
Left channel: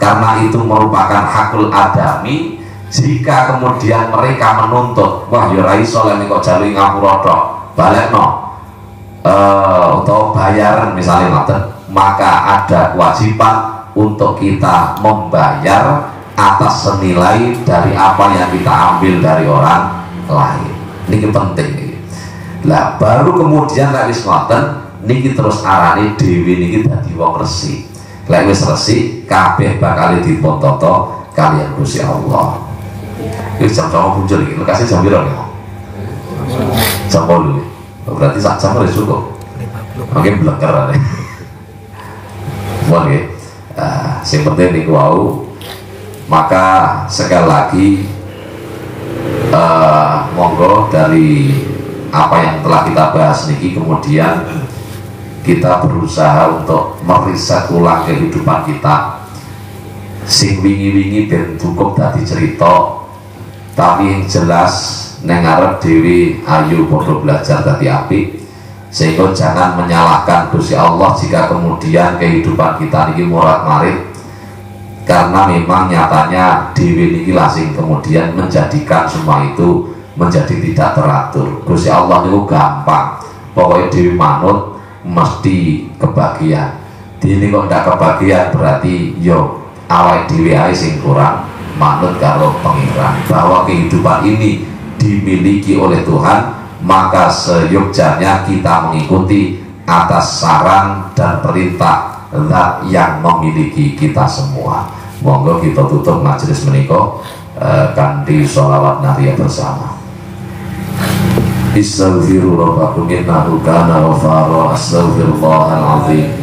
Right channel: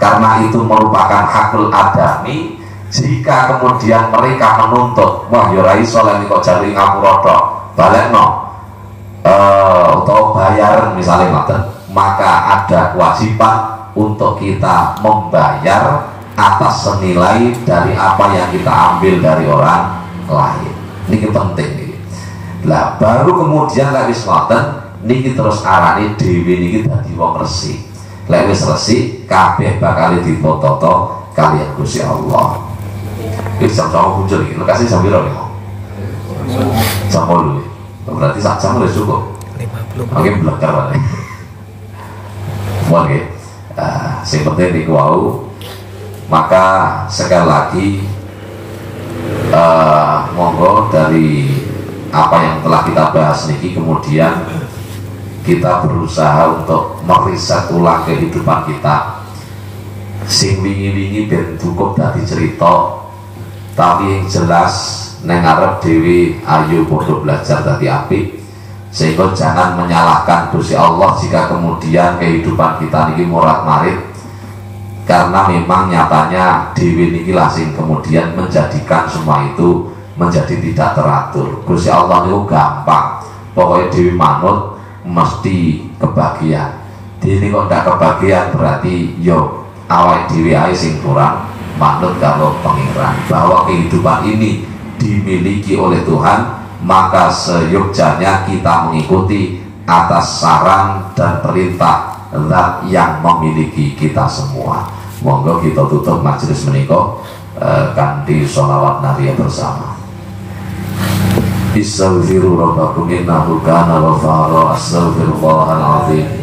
karena itu merupakan hakul adami, jika kemudian mereka menuntut, wah ya ora iso lek kok jaluk ngapura tok, balekno atau bayar misalnya ngoten, maka ada kewajiban untuk kita membayar atas senilai dari apa yang kita ambil dari orang lain. Ini penting nih. Lah baru kemudian lek wis ngoten niki terus arane dhewe niki dadi wong resik. Lek wis resik kabeh bakal dipototo kalian Gusti Allah. Iki jam-jam muncul iki, lokasi jam piro nih? Jam 8. Berarti sak jam wis cukup. Oke, belakar. Oke. Sing penting niku wau. Maka sekali lagi monggo dari apa yang telah kita bahas niki kemudian kita berusaha untuk meriset ulang kehidupan kita. Sing wingi-wingi ben cukup dadi cerita, tapi yang jelas neng arep dhewe ayo padha belajar dadi apik, sehingga jangan menyalahkan Gusti Allah jika kemudian kehidupan kita niki morat-marit, karena memang nyatanya dhewe niki lah sing kemudian menjadikan semua itu menjadi tidak teratur. Gusti Allah itu gampang, pokoknya dhewe manut mesti kebagian. Dini kok ndak kebagian berarti yo awake dhewe ae sing kurang manut kalau pengiran. Bahwa kehidupan ini dimiliki oleh Tuhan, maka seyogyanya kita mengikuti atas saran dan perintah Zat yang memiliki kita semua. Monggo kita tutup majelis menika kanthi sholawat naria bersama. Istaghfiru rabbakum innahu kana ghafara. Astaghfirullahaladzim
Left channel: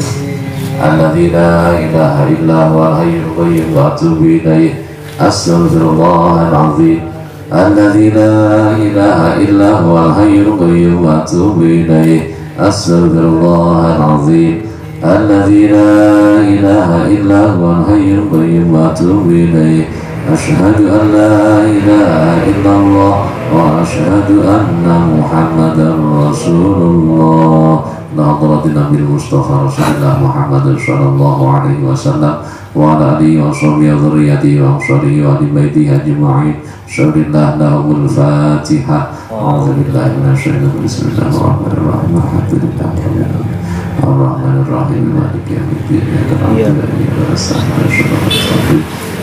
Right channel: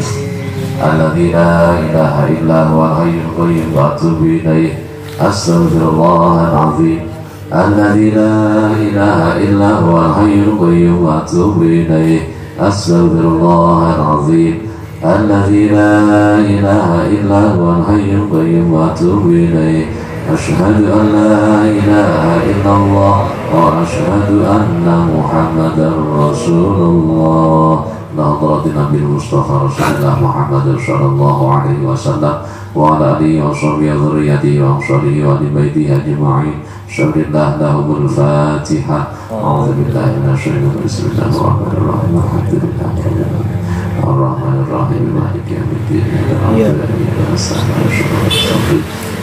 alladzi la ilaha illa huwal hayyul qayyum wa atubu ilaih. Astaghfirullahaladzim alladzi la ilaha illa huwal hayyul qayyum wa atubu ilaih. Astaghfirullahaladzim alladzi la ilaha illa huwal hayyul qayyum wa atubu ilaih. Asyhadu an la ilaha illallah wa asyhadu anna Muhammadar Rasulullah. Nahdlatin Nabi Mustafa Rasulullah Muhammad sallallahu alaihi wasallam wa ala alihi wa sahbihi wa dzurriyyatihi wa ashabihi wa ali baitihi ajma'in. Syukurillah lahumul Fatihah. A'udzu billahi minasyaitonir rajim. Bismillahirrahmanirrahim. Alhamdulillah. Ar-Rahmanir-Rahim. Maliki yaumiddin.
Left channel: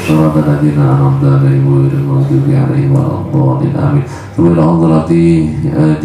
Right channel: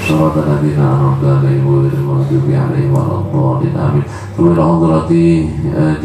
صراط الذين أنعمت عليهم غير المغضوب عليهم ولا الضالين آمين. ثم إلى حضرة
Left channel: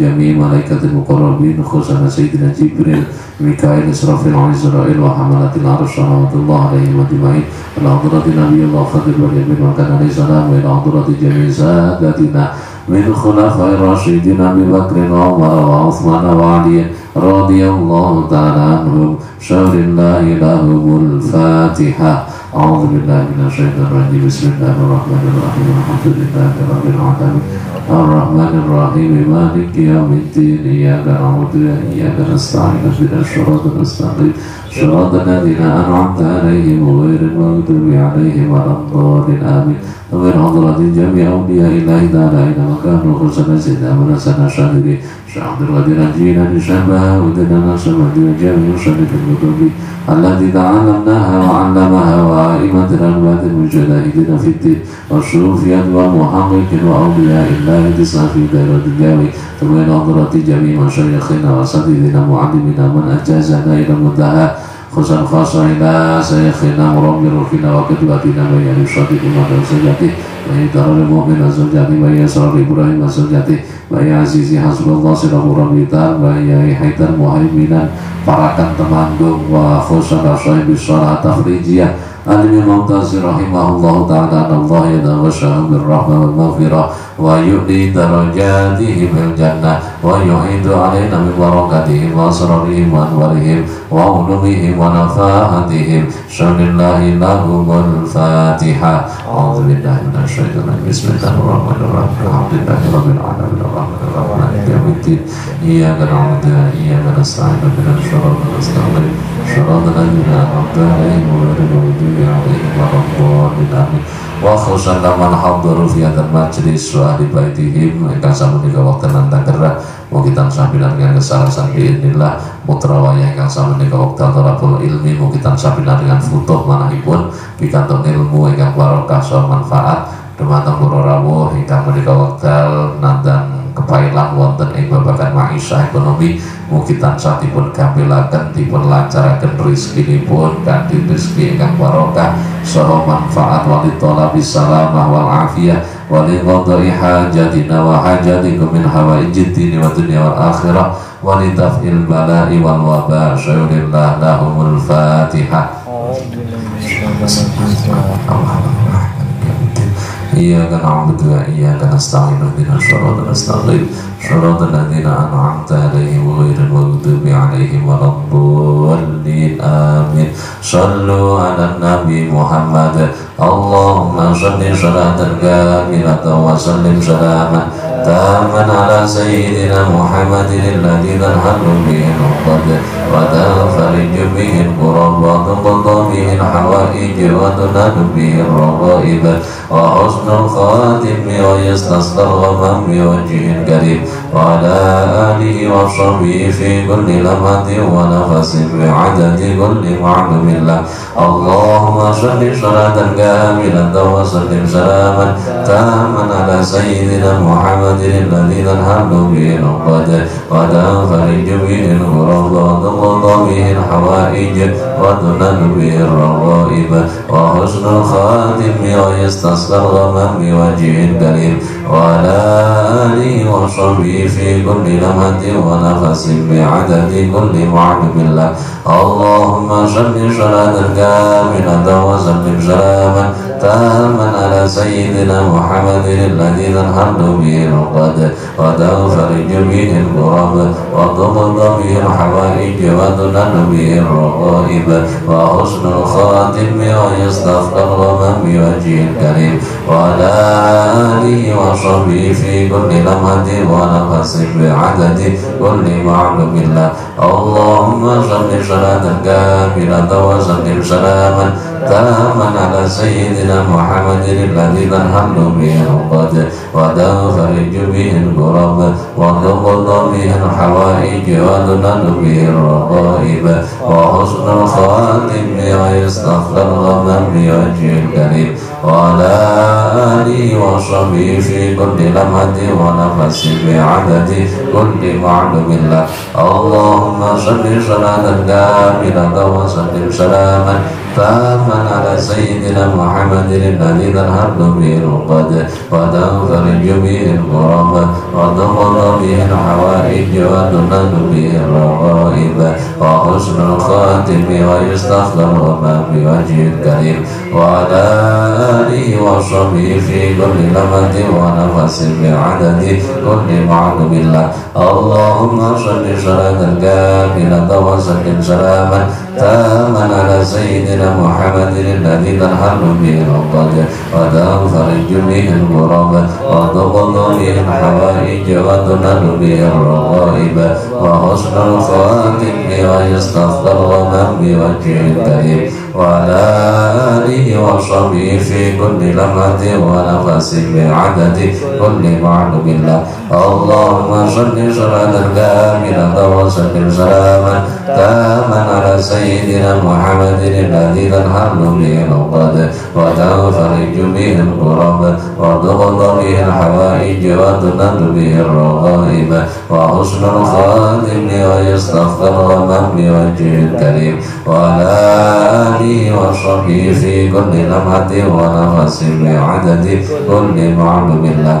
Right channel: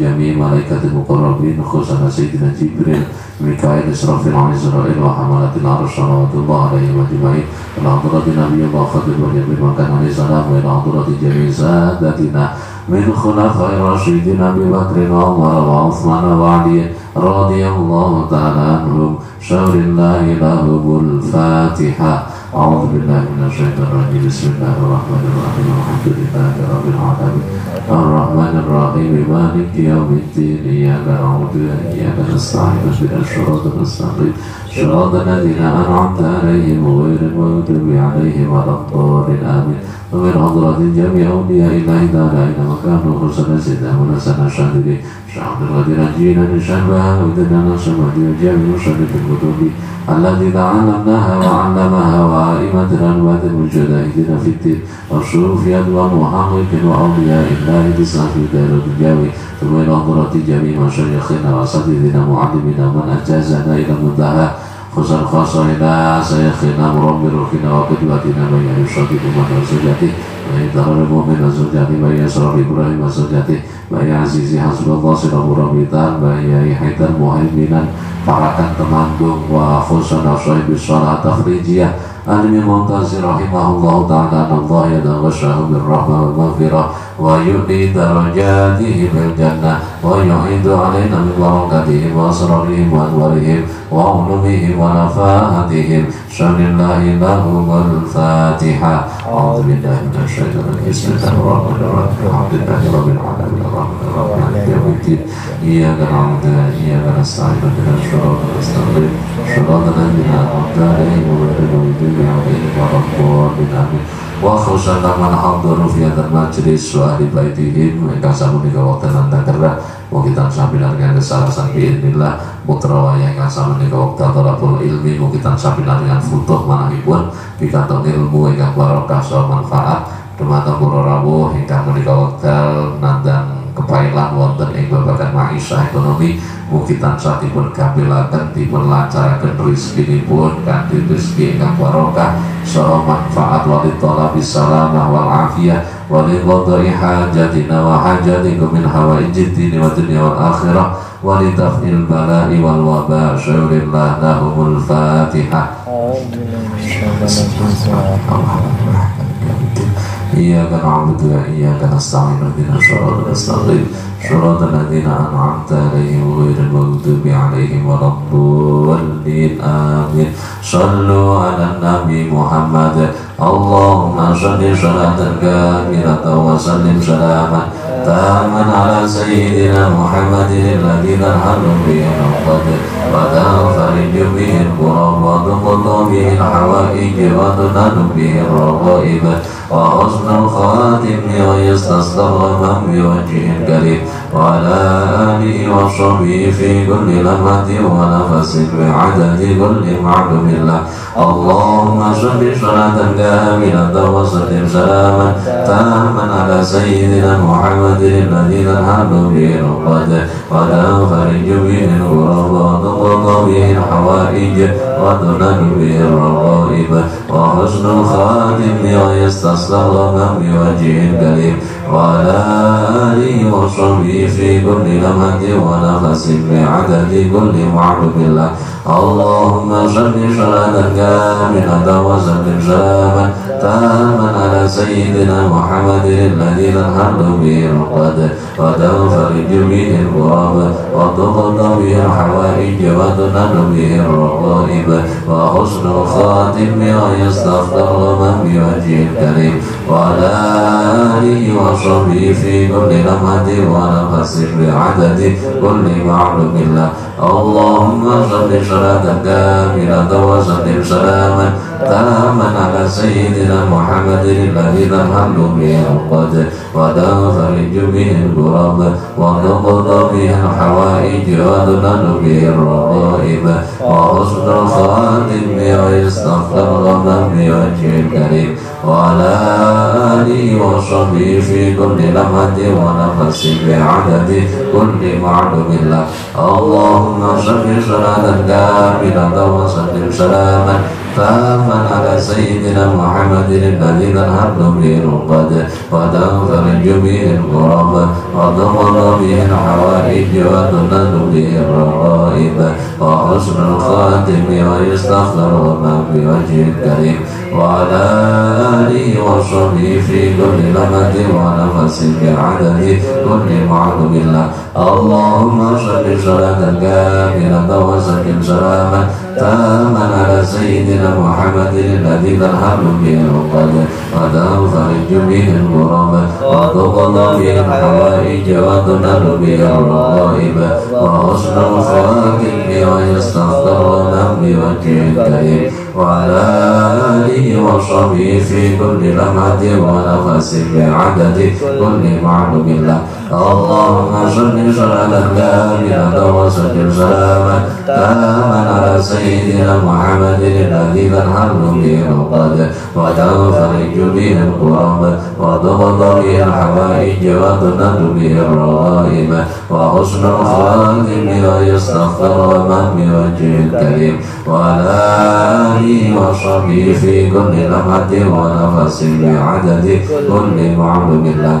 جميع ملائكة المقربين خصوصا سيدنا جبريل ميكائيل إسرافيل وعزرائيل وحملة العرش رحمة الله عليهم أجمعين. إلى حضرة نبي الله خضر واليمين وكان عليه السلام. وإلى حضرة جميع سادتنا من خلفاء الراشدين أبي بكر وعمر وعثمان وعلي رضي الله تعالى عنهم. شر الله لهم الفاتحة. أعوذ بالله من الشيطان الرجيم. بسم الله الرحمن الرحيم. الحمد لله رب العالمين الرحمن الرحيم مالك يوم الدين. إياك نعبد وإياك نستعين اهدنا الصراط المستقيم صراط الذين أنعمت عليهم غير المغضوب عليهم ولا الضالين آمين. ومن حضرة جميع أولياء الله تعالى إنما كانوا خصوصا سيدنا ونسنا شاهدين شعب الذين جينا لشبها ودنا نصر وجوجا من شرف الكتب التي تعلمناها وعلمها وائمتنا الواد المجاهدين في الدين والصوفيات والمحققين وأولياء الله تسعى في دار الجاوي. ثم إلى حضرة جميع مشايخنا وأساتذتنا معلمنا من أجازنا إلى المنتهى خصوصا خاصة إلى شيخنا مربي روحنا وقدوتنا من يشرك مدرسته ويدار المؤمن وزوجته من يسر إبراهيم وزوجته من عزيزي حسب الله سلام ربيتا من حيث المهيمنا parakan temanggung wa khusan asyai bisyarah tafrijiyah عن المعتز رحمه الله تعالى أن الله يتغشاه بالرحمة والمغفرة ويؤدي درجاتهم الجنة ويعيد علينا من بركاتهم وأسرارهم وأنوارهم وعلومهم ونفاحتهم شر الله لهم الفاتحة. أعوذ بالله من الشيطان الرجيم. بسم الله الرحمن الرحيم. الحمد لله رب العالمين الرحمن الرحيم مالك يوم الدين إياك نعبد وإياك نستعين اهدنا الصراط المستقيم صراط الذين أنعمت عليهم غير المغضوب عليهم ولا الضالين آمين. Wa khusyaka man hadharu fi hadzal majlis wa ahli baitihim ingkang sapunika wekdal nandang gerak mugi tansah pinangan kesalahan biidznillah putra wayah ingkang sapunika wekdal talabul ilmi mugi tansah pinangan futuh manahipun pikantuk ilmu ingkang barokah saha manfaat dumateng para rawuh ingkang menika wekdal nandang kepailan wonten ing babagan maisha ekonomi mugi tansah dipun gampilaken dipun lancaraken rezekinipun kanthi rezeki ingkang barokah saha manfaat walid thalabis salamah wal afiyah walid qadai hajatina wa hajatikum min hawaijid dini wa dunya wal akhirah walid daf'il bala'i wal waba syurillah lahumul fatihah. إياك نعبد وإياك نستعين اهدنا الصراط المستقيم صراط الذين أنعمت عليهم غير المغضوب عليهم ولا الضالين آمين. صلوا على النبي محمد اللهم صل صلاة كاملة وسلم سلاما تاما على سيدنا محمد الذي تنحل به العقد وتنفرج به الكرب وتقضى به الحوائج وتنال به الرغائب وحسن الخاتم ويستسقى من بوجه كريم وعلى آله وصحبه في كل لمحة ونفس بعدد كل معلوم الله. اللهم صل صلاة كاملة وسلم سلاما تاما على سيدنا محمد الذي تنحل به العقد وتنفرج به الكرب وتقضى به الحوائج وتنال به الرغائب وحسن الخاتم ويستسقى من بوجه كريم وعلى آله وصحبه في كل لمحة ونفس بعدد كل معلوم الله. اللهم صل صلاة كاملة وسلم سلاما تاما على سيدنا محمد الذي تنحل به العقد وتنفرج به الكرب وتقضى به الحوائج وتنال به الرغائب وحسن الخاتم ويستغفر من بوجه كريم وعلى آله وصحبه في كل لمحة ونفس بعدد كل معلوم الله. اللهم صل صلاة كاملة وسلم سلاما تاما على سيدنا محمد الذي تنحل به العقد وتنفرج به الكرب وتقضى به الحوائج وتنال به الرغائب وحسن الخاتم ويستغفر من بوجه الكريم وعلى آله وصحبه في كل لمحة ونفس بعدد كل معلوم الله. اللهم صل صلاة كاملة وسلم سلاما تاما على سيدنا محمد الذي تنحل به العقد وتنفرج به الكرب وتقضى به الحوائج وتنال به الرغائب وحسن الخاتم ويستغفر من بوجه الكريم وعلى آله وصحبه في كل لمحة ونفس بعدد كل معلوم الله. اللهم صل صلاة كاملة وسلم سلاما تاما على سيدنا محمد الذي تنحل به العقد وتنفرج به الكرب وتقضى به الحوائج وتنال به الرغائب وحسن الخاتم ويستغفر من بوجه الكريم وعلى آله وصحبه في كل لمحة ونفس بعدد كل معلوم الله. اللهم صل صلاة كاملة وسلم سلاما تاما على سيدنا محمد الذي تنحل به العقد وتنفرج به الكرب وتقضى به الحوائج وتنال به الرغائب وحسن الخاتم ويستغفر من بوجه الكريم وعلى آله وصحبه في كل لمحة ونفس بعدد كل معلوم الله.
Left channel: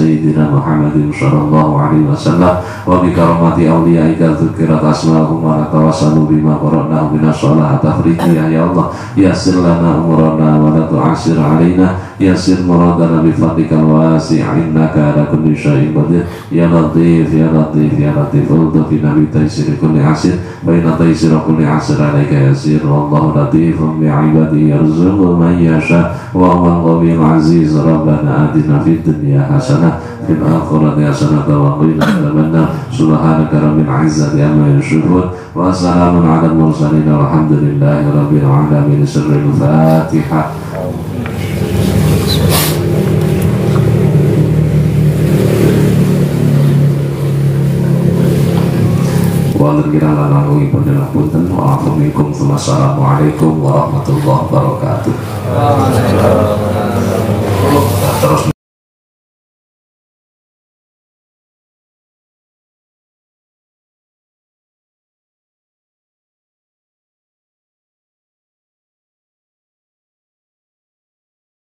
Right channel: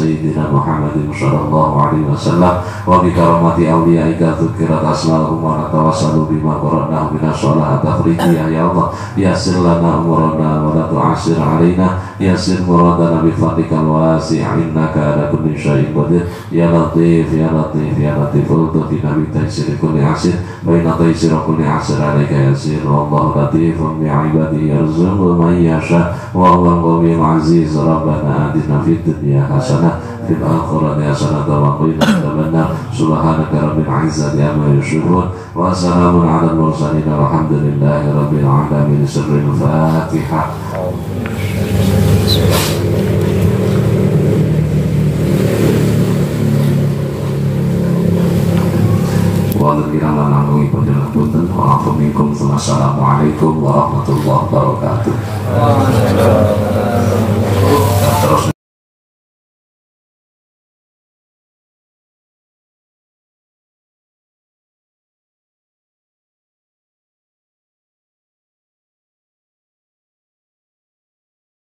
sayyidina Muhammadin sallallahu alaihi wasallam wa bi karamati awliyaika dzukirat asma'uhum wa natawassalu bima qara'nahu min as-sholati tafridiyah ya Allah yassir lana umurana wa la tu'assir alaina yassir muradana bi fadlikal wasi' innaka ala kulli syai'in qadir ya latif ya latif ya latif ultufi nabi taysir kulli asir baina taysir kulli asir alaika yasir wallahu latifun bi ibadihi yarzuqu man yasha wa huwa al-ghaniyyul aziz rabbana atina fid dunya hasanah fil akhirati hasanah wa qina adzabannar subhanaka rabbil izzati amma yasifun wa salamun alal mursalin walhamdulillahi rabbil alamin sirrul fatihah. Wonten kirang langkung panjenengan punten wa assalamualaikum warahmatullahi wabarakatuh.